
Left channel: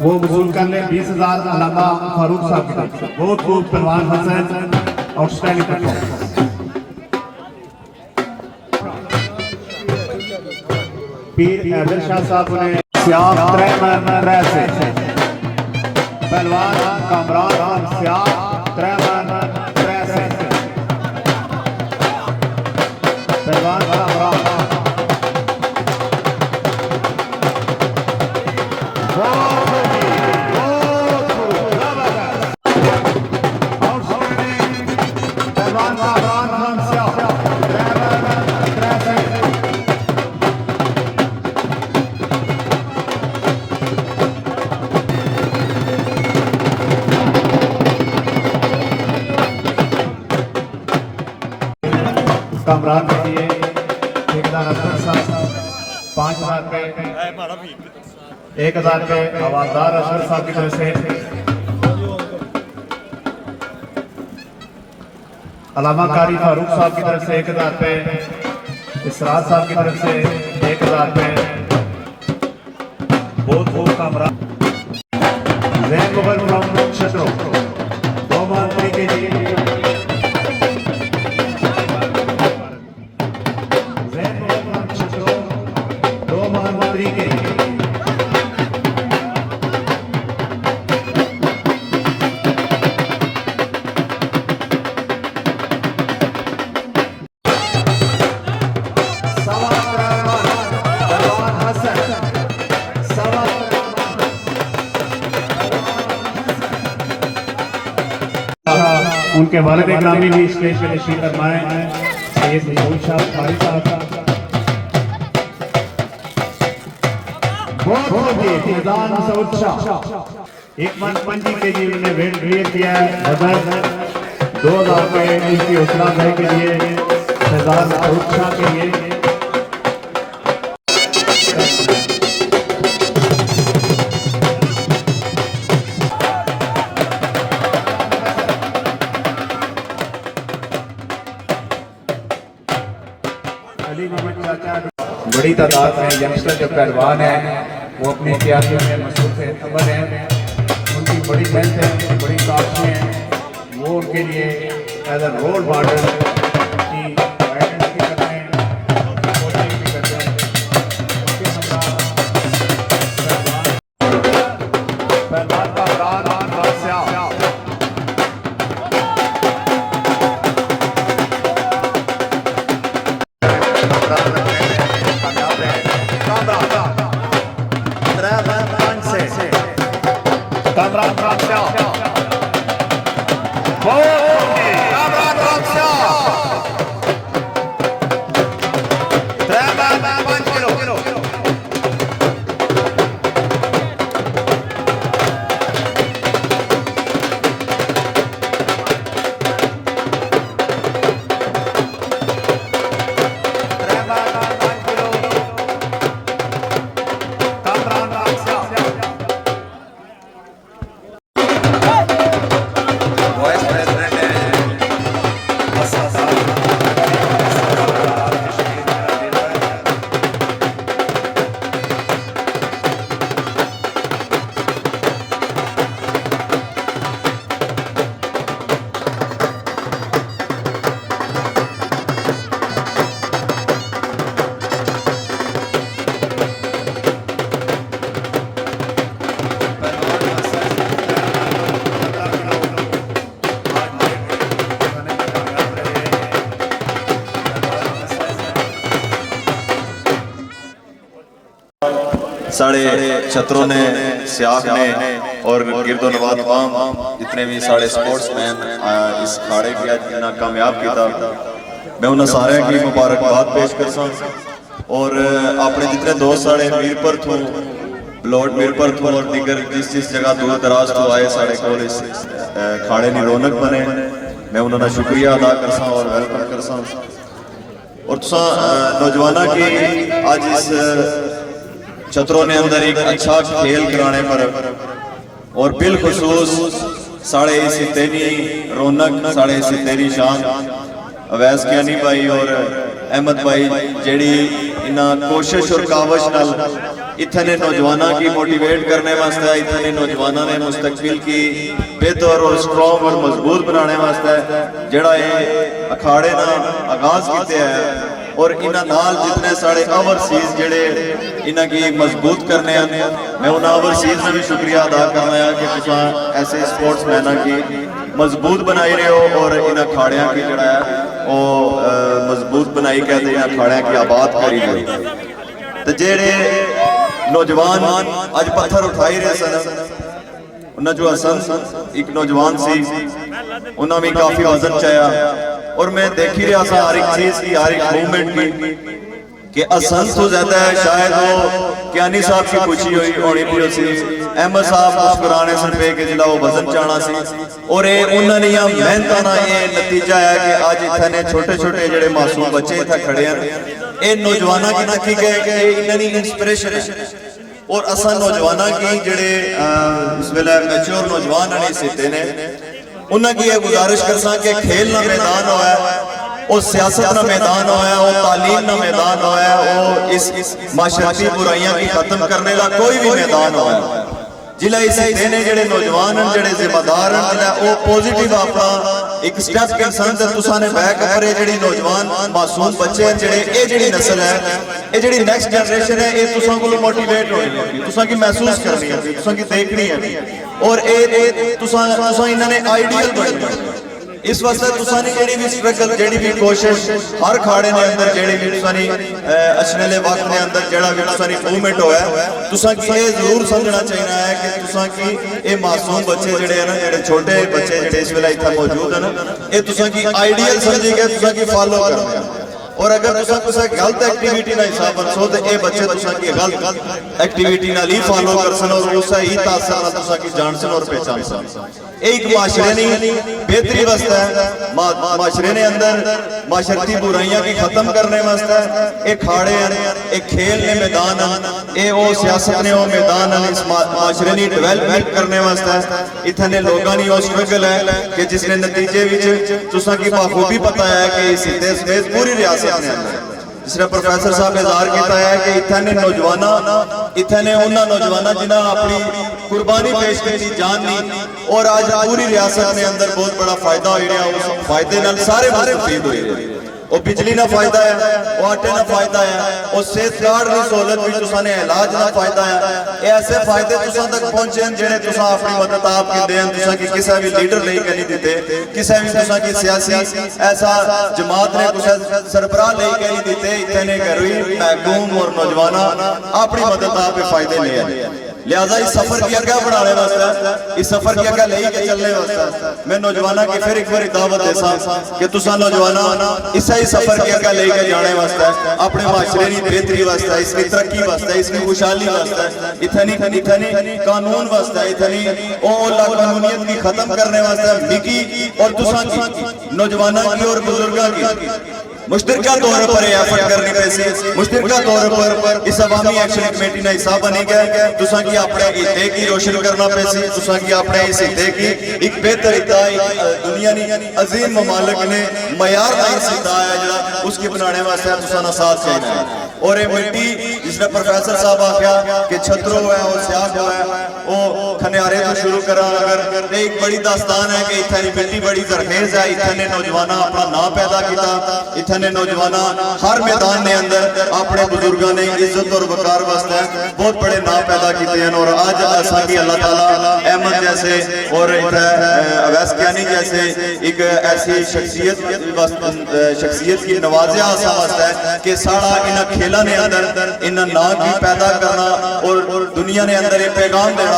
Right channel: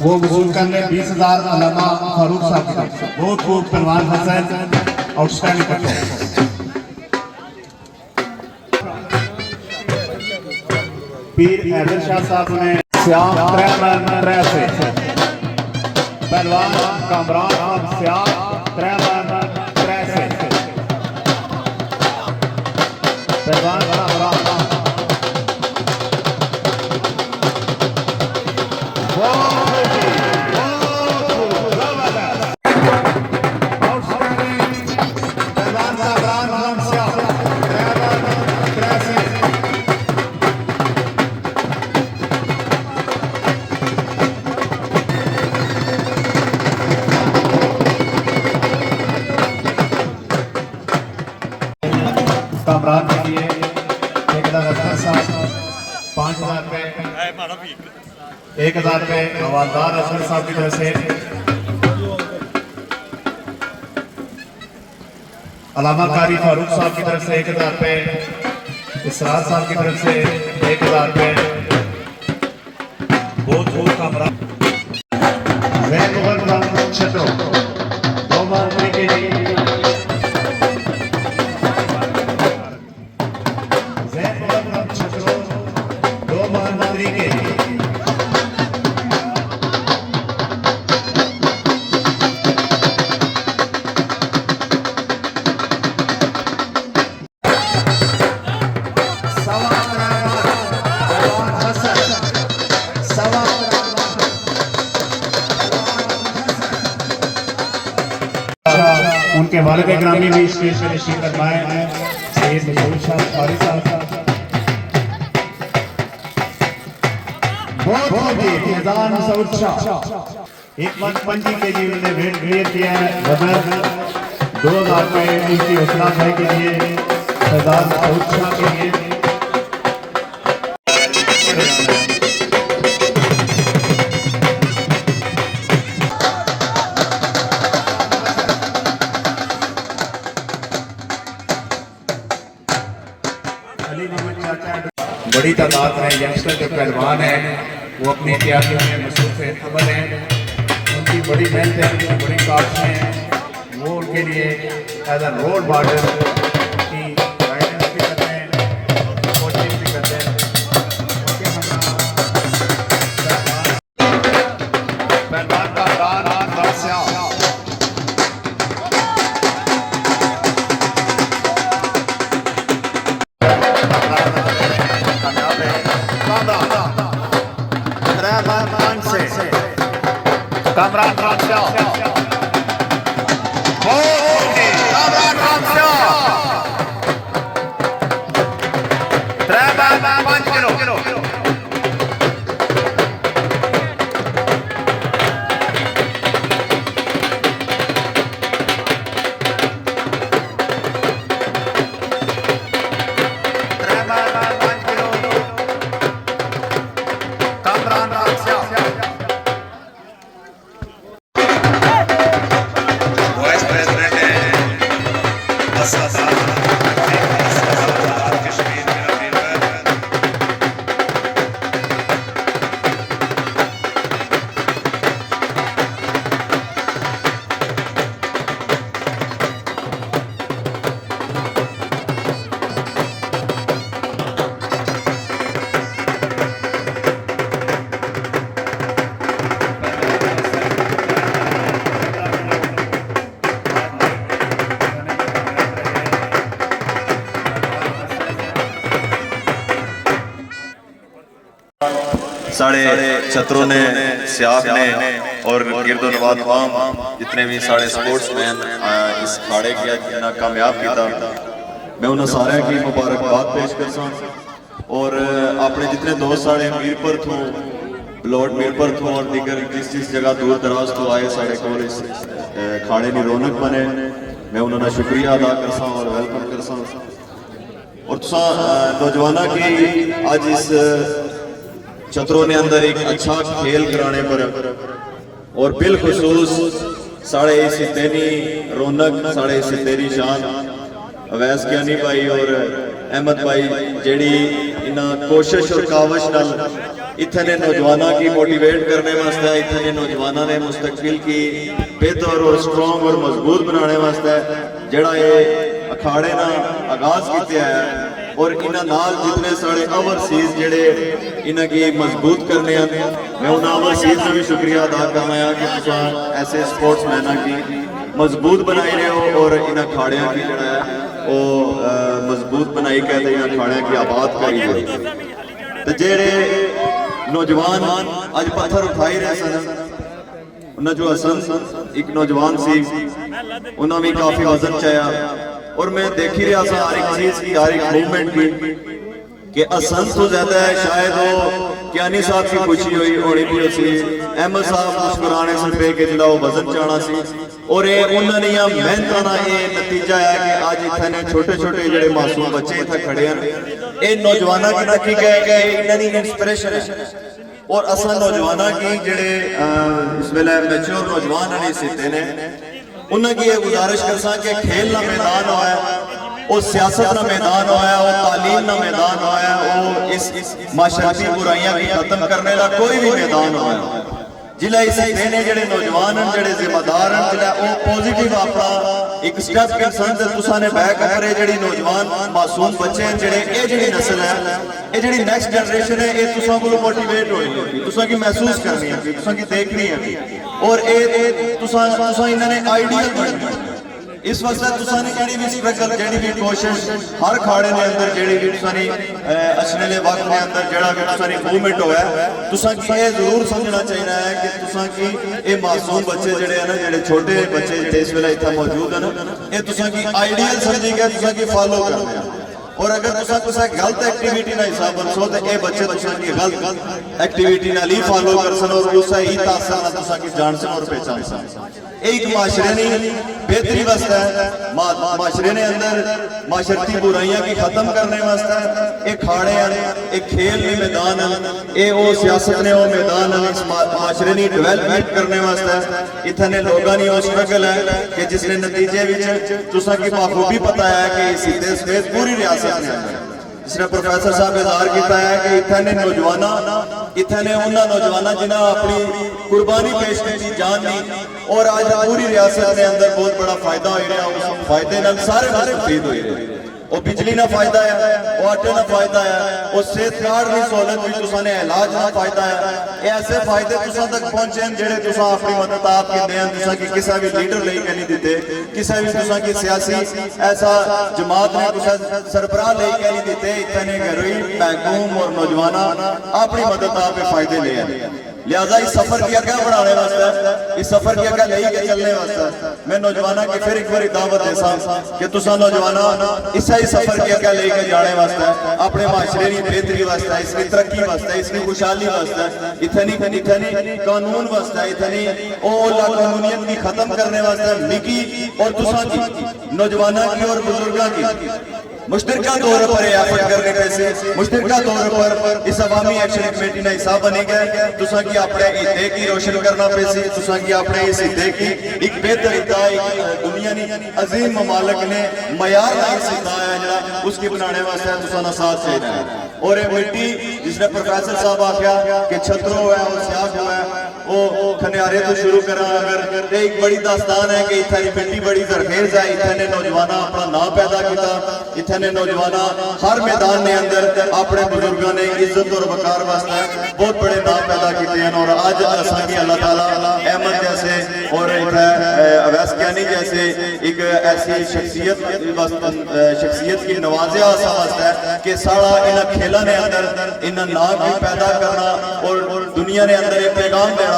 वो वसूल करने 20,000 अलामा फारूक साहब की तरफ से। बहुत खूब पहलवान हसन, आउटस्टैंडिंग पीर हैदर शाह साहब ने श्याम से पहलवान कामरान श्याम कामरान के लिए ठेकेदार अफसर साहब 5,000 रुपए, 1,000 रुपए हवालदार अफसर साहब की तरफ से, अलामा कारी फारूक साहब की तरफ से 1,000 रुपए, इसराज साहब की तरफ से 1,000 रुपए। बहुत खूब कामरान उनके वालिद ग्रामी भी स्टेज पे तशरीफ फरमाए सैयद मसूद शाह कारी साहब बहुत जी फैजान मसूद शाह 1.5 kg उन्होंने वेट क्लियर किया है। मदद 2000 रुपये उनकी हौसला अफजाई के लिए फैजान मसूद शाह के लिए। बड़ी तादाद में यंगस्टर जो पहलवान हैं वो अपनी तैयारियों में मसरूफ अमल हैं। उनकी बड़ी मेहनत है, उनकी बड़ी काशिशें हैं। वो उनके लिए एज ए रोल मॉडल की गाइडेंस भी करते हैं और कोचिंग भी करते हैं। पहलवान का इमरान बादशाह कामरान रामशाह कामरान रामशाह 5 किलो कामरान रामशाह साढ़े छत्रों ने सियाख ने और गिरदो नवाब तमाम जितने भी साढ़े स्पोर्ट्समैन इस खाड़े की इतना कामयाब किया मैं उन्हें सारे की मुबारकबाद पेश करता और अपने जितने दोस्त साढ़े मीरपुर थू लॉर्ड मीरपुर थू और दिगर जिस जगह दूर दराज तो आए साढ़े को इस खाड़े की रौनक बने मैं उन्होंने शुक्रिया अदा करसा और वेलकम करसा और तुसा नौजवानों की आज इस छत्रों ने अंदर एक अच्छा खेल कराने पर और बिलखुसूस साढ़े इसी तेरी रौनक साढ़े इसी तेरी शान अवैस कियानी भाई और अहमद भाई जेड़ी इना कोशिश और कावश नाल इतने नौजवानों की मोटिवेट करने वास्ते इतने नौजवानों ने मुस्तकबिल की बेहतर और स्ट्रॉन्ग और मजबूत बनाने वास्ते जेड़ा ये अखाड़े ना आगाज किते है और इन्हां नाल जितने साढ़े ओवरसीज जेड़े इन्हां की मजबूत करने हैं मैं उन्हां ओवरसीज का भी शुक्रिया अदा करना है कि तुसा ऐसे स्पोर्ट्समैना की मजबूत बनाई रहे हो और इन्हां खाड़ियां की जड़ा है वो मजबूत बनाई कहते इन्हां खाड़ियां की आबाद करी रहे तो जेड़े नौजवान अज पत्थर उठाई रहे सन उन्हें जो हसन एक नौजवान सी उन्हें भी काफी वजन चाया और मैं देख ही रहा था हर एक चीज की हर एक मूवमेंट की कि हसन तो ज्यादा है शायद वो कियानी साहब की खुशी हुई होनी थी उसी अहमद साहब मुस्कुराने से पे के जिला वो वजन चाहना सी और ये उन्होंने यहाँ मेहनत ना ये नतीजा है कि आज इतने छोटे छोटे जेडे मासूम बच्चे इतना खड़े हैं ये नौजवानों की नकी गए कि इन्होंने इंस्पिरेशन है और असा नौजवानों की जेडे इस वेले मैच्योर नौजवान ने सीते ने उन्होंने ये गुजारिश कर सा कि खेल ना मैदान होया वो सियासत का मैदान होया वो तालीम का मैदान होया वो इस माशरती बुराइयां की खत्म करने का कोई भी मैदान होया जिला इस देने जेडे नौजवान हैं जेडे जिम्मेदार हैं जिला वो पॉजिटिव अपना एक स्टेप इंसान ते तुसा ने बैक करे जेडी नौजवान मासूम बच्चे हैं जेडे ये जेडी नस्ल है ये जेडी नेक्स्ट जनरेशन है ये तुसा को मोटिवेट होनी है तुसा की महसूस करनी है तुसा की देखनी है और ये तुसा इन्होंने आइडियल बनना इस वास्ते तुसानी जेड़ी भी स्ट्रगल जेड़ी भी कोशिश हर खाड़े ने अंदर जेड़ी भी तुसानी अचनेले वक्त ने अंदर जेड़ा भी तुसानी मूवमेंट होया तुसा की ये जरूर समझना चाहिए है कि तुसा की ये मासूम बच्चे जेड़े है ना जेड़े छोटे बच्चे जेड़े इस वेले इत्थे मौजूद है ना ये तुसा की आइडियल समझी के तुसा की फॉलो करना है और अगर तुसा कुछ गलत एक्टिविटी ना हिसाब बनसो तो ये बच्चे तुसा की गलत एक्टिविटी ना ही फॉलो कर सन और उससे ही तासर ना तुसा की जान सन और पहचान सन एक माशरे ने बेहतरी वास्ते माशरे ने अंदर माशरती बुराइयां की खत्म करने वास्ते एक खाड़े एक खेल ने मैदान ए वो सियासत ने वो मैदान इस माशरे ने डेवलपमेंट करने वास्ते इतने लोगों ने वो स्ट्रगल है कि जिसने नतीजे विच तुसा की बाखूबी पता है कि इस देश पूरी रियासत ने जिसने प्रोफेसर साहब इजहार किया है कि इतने नौजवान इतने उन्होंने नौजवान जिन्हें अपनी कुर्बानी पेश की जान दी और आज पूरी रियासत ने अंदर बहुत बड़ा फायदा हो फायदे नाल सारे मुस्तफीद हुए और बिजली ना फायदा है वो आटे ना फायदा है और सेहत कार्ड की सहूलत भी तुसा ने इलाज ना फायदा है ऐसे फायदे तुसा तक पहुंचे जेड़े तुसा अपनी मदद आप कहते हैं तुसा की किसी भी लीडर लेके नहीं देते किसी भी तुसा की सियासी ऐसा जमात ने कुछ सरबराह लेके नहीं देते इतने गरीब महकूम और नौजवान अपनी मदद आप फायदे ले आए लिहाजा इस सफर की अग्गा बढ़ाने वास्ते इस सफर की अग्गा लेके चलने वास्ते मैं नौजवानों की फिर एक बार दावत देसा कि तुसा नौजवान इसे ही सफर की अग्गा लेके जाने वास्ते अपने माशरे की बेहतरी वास्ते इसकी तरक्की वास्ते इसकी खुशहाली वास्ते इतनी कानून वास्ते इतनी कानूनियत की खत्म करने वास्ते मिकी और तुसा की नौजवानों की और बुजुर्गों की मुश्तरका तौर पर एफर्ट करनी पैसे मुश्तरका तौर पर इस अवामी एक्शन कमेटी ने हिस्सा बनी गए तुसा की अपने हिते की रोशन करना पैसे तुसा की अपने इस हिते की एक बेहतर हिता दुनिया नी अजीम ममालिक ने मयार दार हिता है जरा उसकी बनाने वास्ते तुसा ना साथ चाहिए और ये मिट्टी जिसने प्रोफेसर साहब आख्या कि छतरो है और स्याह है वो खनियारे तो शुरू करा अगर एक बड़ी दास्तान है कि इतनी मिट्टी बड़ी जरखेज है इतने नौजवान अपना नाम पैदा किया इतने नौजवान हर मैदान ने अंदर अपने बुजुर्गों ने इज्जत और वकार वास्ते बहुत बड़े नाम पैदा किए हैं और आज असांगी अल्लाह ताला अहमद जैसे और अवैस कियानी जैसे एक ऐसी शख्सियत की नवाजिया वास्ते है कि सारा इन खेलों ने अंदर इन नाम की पैदा करना और दुनिया ने अंदर एक पैगाम देना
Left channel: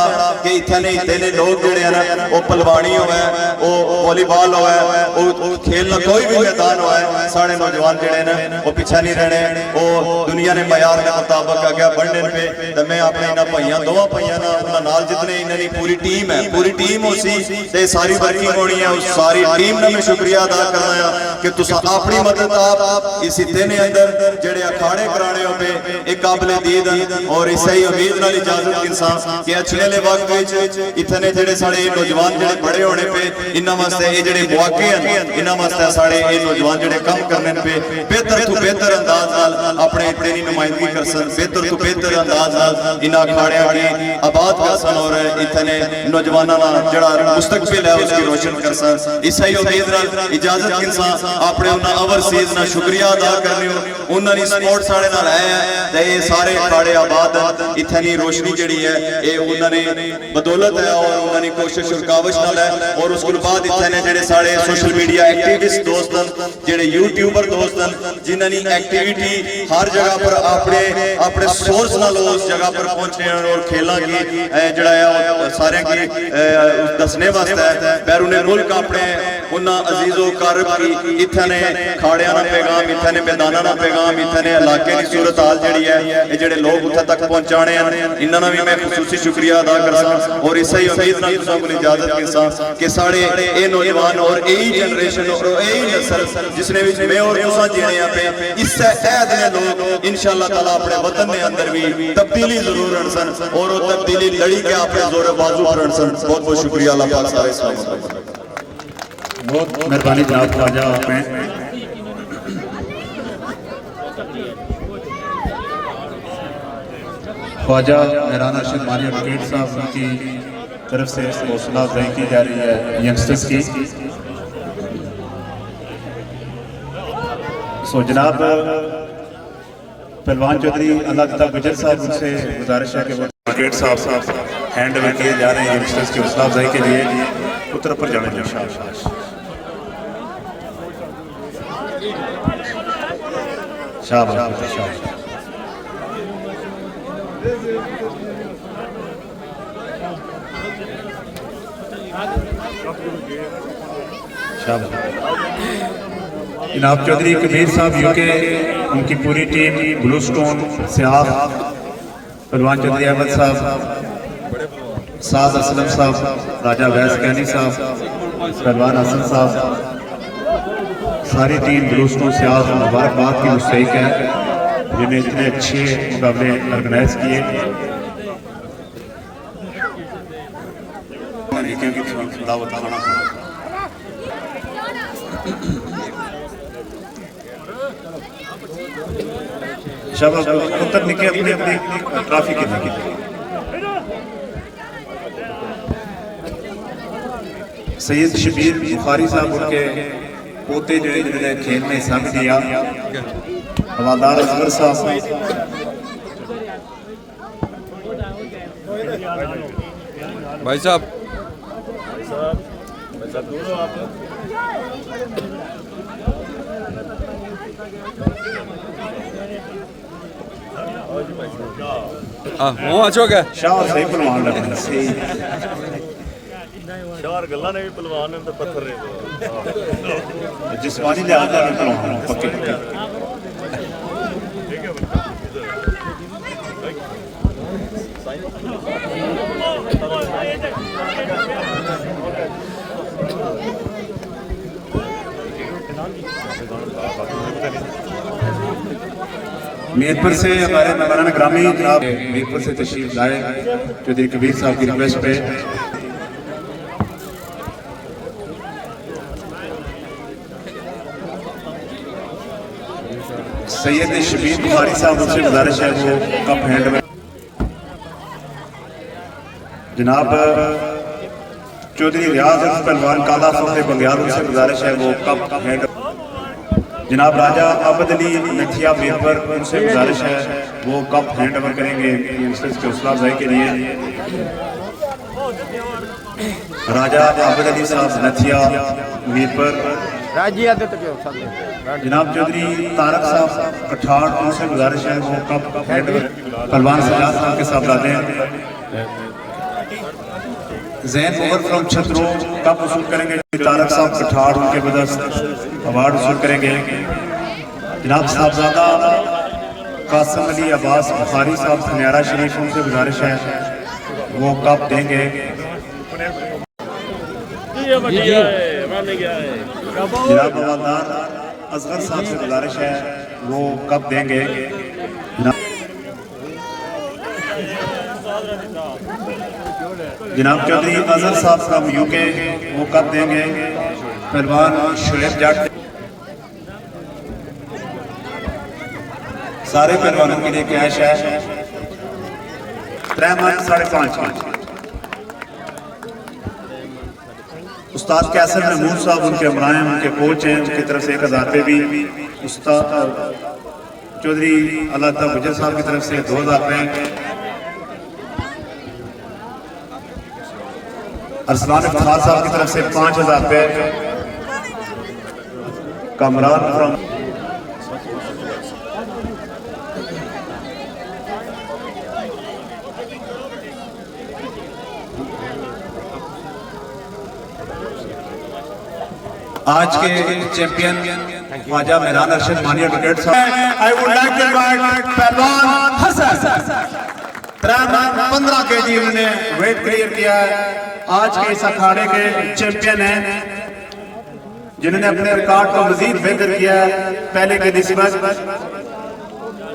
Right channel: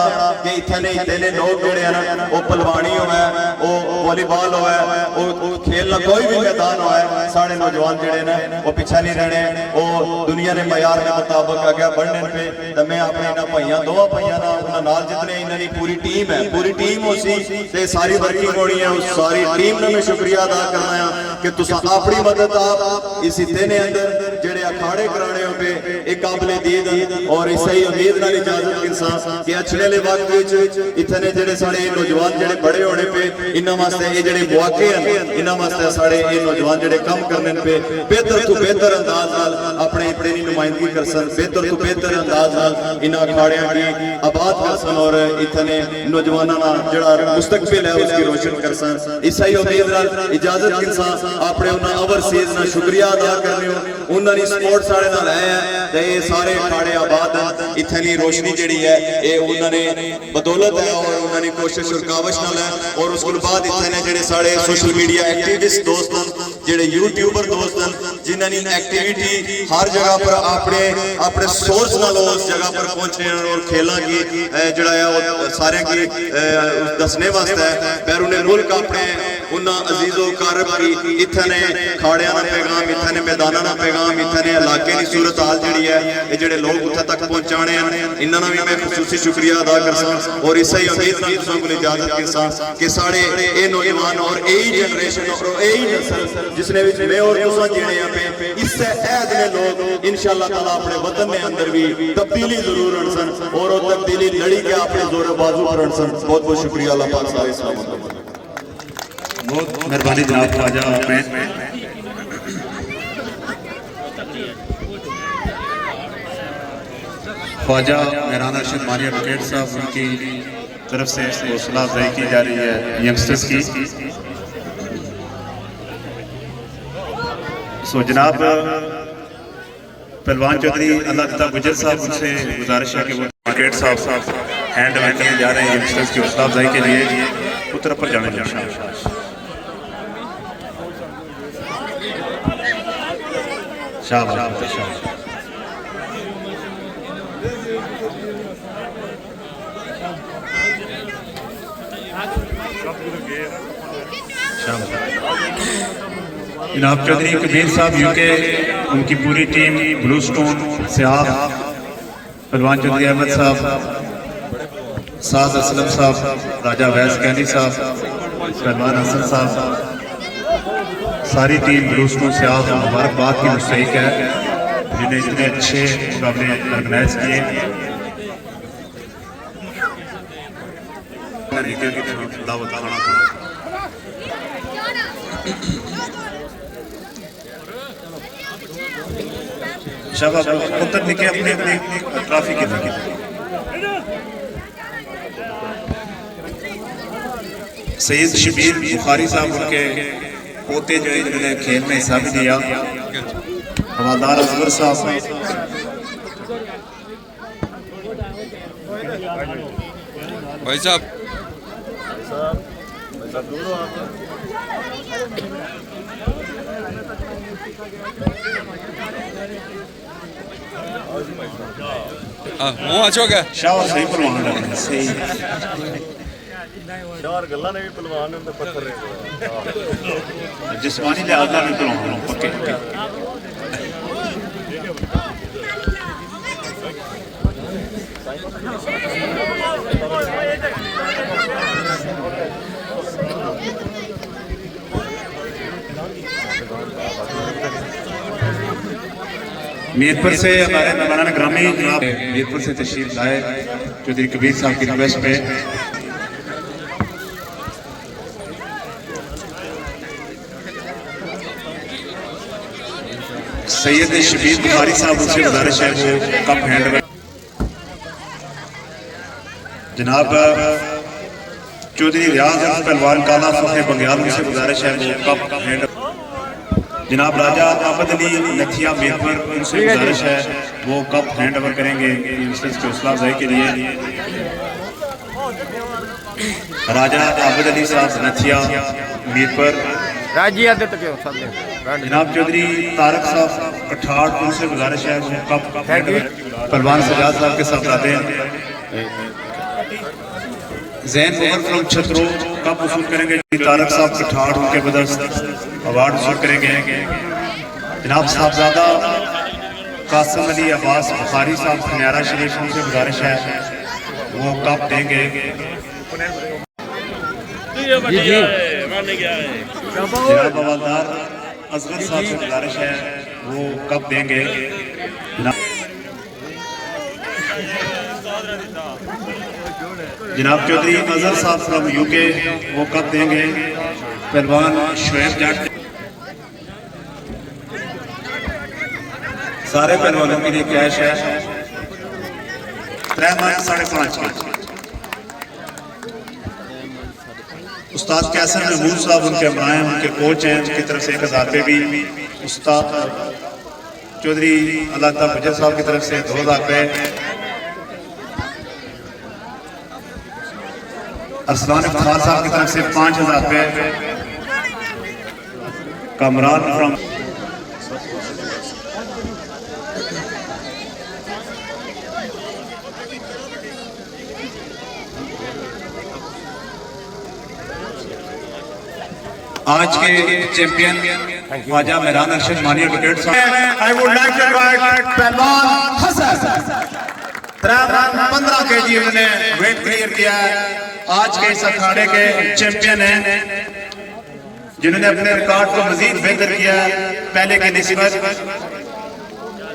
कि इतने लोग जेड़े हैं वो पलवानी होवे वो वॉलीबॉल होवे वो खेलना कोई भी मैदान होवे सारे नौजवान जेड़े हैं वो पीछे नहीं रहने वो दुनिया ने मयार के मुताबिक आगे बढ़ने पे तो मैं अपने इन भाइयों दोवां भाइयों नाल जितने इन्होंने पूरी टीम उसी ते सारी वर्किंग होनी है उस सारी टीम ने मैं शुक्रिया अदा करना है कि तुसा अपनी मदद आप इस हिते ने अंदर जेड़े अखाड़े कराने हो पे एक काबिल दीद और इस ही उम्मीद नाल इजाजत इंसान कि अछले वक्त विच इतने जेड़े साडे नौजवान जेड़े बड़े होने पे इन्हां वास्ते ये जेड़े मौके हैं इन्हां वास्ते साडे ये नौजवान जेड़े काम करने पे बेहतर तो बेहतर अंदाज नाल अपने इतने नुमाइंदगी कर सन बेहतर तो बेहतर अंदाज नाल इन अखाड़ियां की आबाद कर सन और इतने नौजवानों का जेड़ा मुस्तकबिल है उसकी रोशन कर सन इस ही उम्मीद नाल इजाजत इंसान अपने उन्हां ओवरसीज ना शुक्रिया अदा करने उन्होंने सपोर्ट साडे नाल है ये सारे अखाड़े आबाद इतनी रोशनी जेड़ी है ये उन्होंने बदौलत है और उन्होंने कोशिश और काविश नाल है और उसके बाद इतने जेड़े सारे सोशल मीडिया एक्टिविस्ट दोस्त हैं जेड़े यूट्यूबर दोस्त हैं जिन्होंने एक्टिविटी हर जगह पर अपने सोर्स नाल उस जगह पर पहुंचे हैं और खेलों की जड़ा सारे की दसने वास्ते बैरून मुल्क अपने उन्होंने अजीजो कारब की इतने खाड़िया का पैगाम इतने मैदाना का पैगाम इतने इलाके की सूरत हाल जी है ये जेडे लोग उत्थे तक पहुंचाने इन्होंने भी मैं खसूसी शुक्रिया अदा कर सा और इस ही उम्मीद को इजाजत के साथ कि साढ़े ये नौजवान और यही जनरेशन और यही नस्ल जिसने मैं और तुसा जीने पे इससे ऐद ने लोग इंशाअल्लाह ताला अपने वतन के अंदर भी तब्दीली जरूर आन सन और वो तब्दीली लड़ी के अपने जोर बाजू पर आन सन बहुत बहुत शुक्रिया अल्लाह पाक सारे इस्लाम बहुत मेहरबानी जनाब ख्वाजा में ख्वाजा मेहराना शर्मानी एडवोकेट साहब उनकी तरफ से हौसला अफजाई की जा रही है यंगस्टर्स की। सो जनाब पहलवान चौधरी अल्लाह तआला गुजर साहब उनसे गुजारिश है कि वो एडवोकेट साहब हैंड ओवर किए जा रहे हैं यंगस्टर्स की हौसला अफजाई के लिए तरफ पर जाने शाबाश शाबाश। जनाब चौधरी कबीर साहब यूके, उनकी पूरी टीम, ब्लू स्टोन सिहाब, पहलवान चौधरी अहमद साहब, साद असलम साहब, राजा वैस कैनी साहब, पहलवान हसन साहब, सारी टीम ब्लू स्टोन सिहाब मुबारकबाद की मुस्तहिक है जिन्हें इतने अच्छे मुकाबले ऑर्गेनाइज किए। दावत खाना शाबाश, तब निके अपनी अपनी ट्रॉफी की देखी। सैयद शबीर बुखारी साहब उनके पोते जो है जिन्होंने खेल में हिस्सा भी लिया, हवादार अजवर साहब, भाई साहब वो अच्छो क्या शाह सही पहलवान लग रहे हैं, सही चार गल्ला ने भी पहलवान ने पत्थर ने जिस्मानी लिहाज में पहलवान पक्के पक्के। मीरपुर से हमारे मौलाना ग्रामी जनाब मीरपुर से तशरीफ लाए चौधरी कबीर साहब की रिक्वेस्ट पे। सैयद शबीर बुखारी साहब उनसे गुजारिश है वो कप हैंड जनाब चौधरी रियाज पहलवान काला फखरे बंग्याल उनसे गुजारिश है वो कप हैंड। जनाब राजा आबद अली नथिया मीरपुर उनसे गुजारिश है वो कप हैंड ओवर करेंगे यंगस्टर्स की हौसला अफजाई के लिए। राजा आबद अली साहब नथिया मीरपुर। जनाब चौधरी तारक साहब कठाड़ उनसे गुजारिश है वो कप हैंड ओवर पहलवान सजाद साहब के साथ आते हैं। जैन ओवर फ्रॉम छतरो कप वसूल करेंगे तारक साहब कठाड़ उनके बदौलत अवार्ड वसूल करेंगे। जनाब साहबजादा कासिम अली अब्बास बुखारी साहब खनियारा शरीफ उनसे गुजारिश है वो कप देंगे। जनाब हवालदार असगर साहब से गुजारिश है वो कप देंगे। जनाब चौधरी अजहर साहब फ्रॉम यूके वो कप देंगे। पहलवान शुएब जट सारे पहलवानों के लिए कैश है 3.5 के। उस्ताद कैसर महमूद साहब उनके अमलाएं उनके कोच हैं उनकी तरफ से 1000 रुपये भी। उस्ताद चौधरी अल्लाह गुजर साहब की तरफ से 2000 रुपये। अरसलान इफ्तार साहब की तरफ से 5000 रुपये। कमरान फ्रॉम आज के चैंपियन ख्वाजा मेहरान अरशद मानी एडवोकेट साहब। I would like to invite Pehalwan Hasan 15 kg उन्होंने वेट क्लियर किया है। आज के इस अखाड़े के चैंपियन हैं जिन्होंने अपने रिकॉर्ड को मजीद बेहतर किया पहले के निस्बत।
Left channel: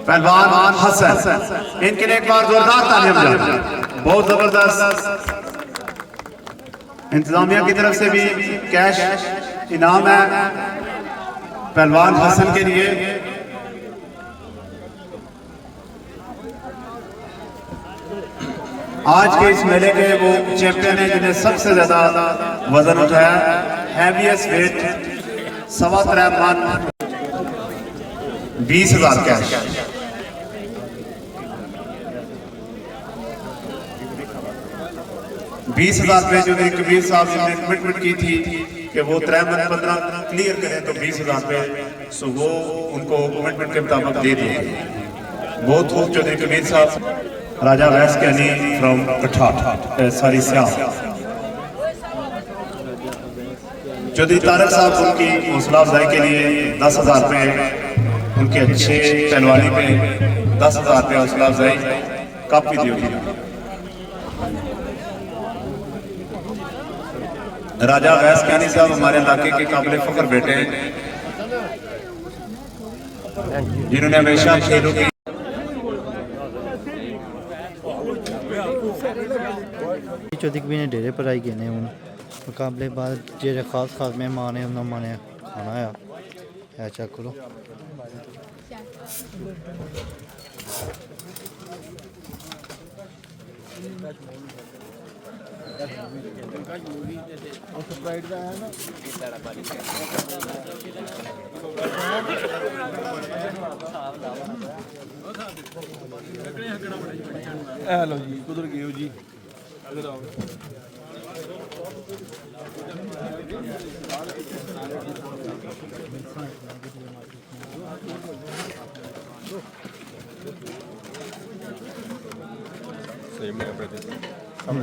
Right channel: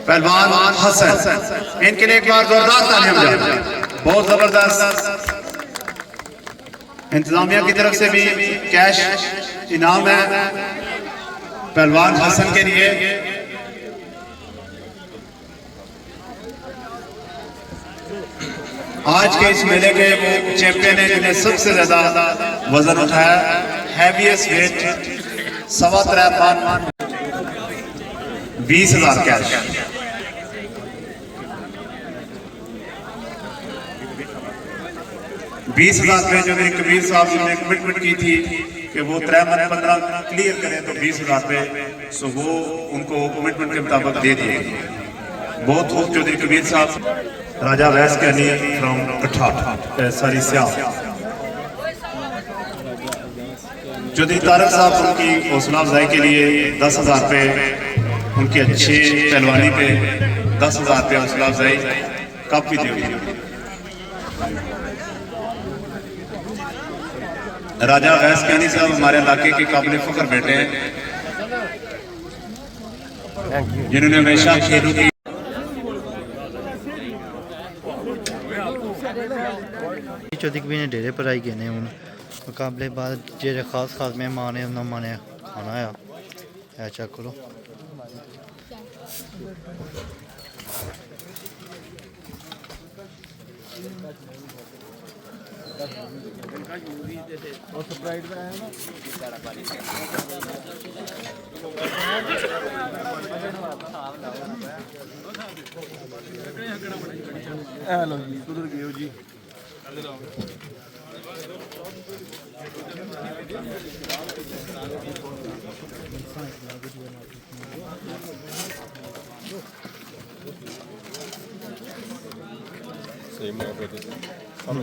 पहलवान हसन इनके लिए एक बार जोरदार तालियां बजाएं। बहुत जबरदस्त इंतजामिया की तरफ से भी कैश इनाम है पहलवान हसन के लिए। आज के इस मेले के वो चैंपियन है जिन्हें सबसे ज्यादा वजन उठाया हैवीएस्ट वेट 3.25 मन 20,000 कैश। 20,000 रुपये जो मेरे कबीर साहब ने कमिटमेंट की थी कि वो 3 मन 15 क्लियर करें तो 20,000 रुपये सो वो उनको कमिटमेंट के मुताबिक दे दिए। बहुत खूब चौधरी कबीर साहब, राजा वैस के अली फ्रॉम कठाट सारी सियाल, चौधरी तारक साहब उनकी हौसला अफजाई के लिए 10,000 रुपये, उनकी अच्छी पहलवानी पे 10,000 रुपये हौसला अफजाई काफी दी हुई। राजा वैस कैनी साहब हमारे इलाके के काबिल फख्र बेटे हैं, जिन्होंने हमेशा खेलों की चौधरी कबीर ने डेरे पर आई गए ने हूँ मुकाबले बाद जेरे खास खास मेहमान है उन्होंने माने खाना आया है चेक करो। हेलो जी कुदर गए हो जी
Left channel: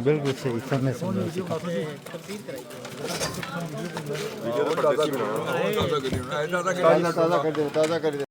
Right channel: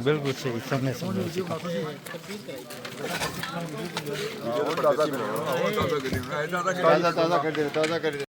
बिल्कुल सही समय ताज़ा कर दे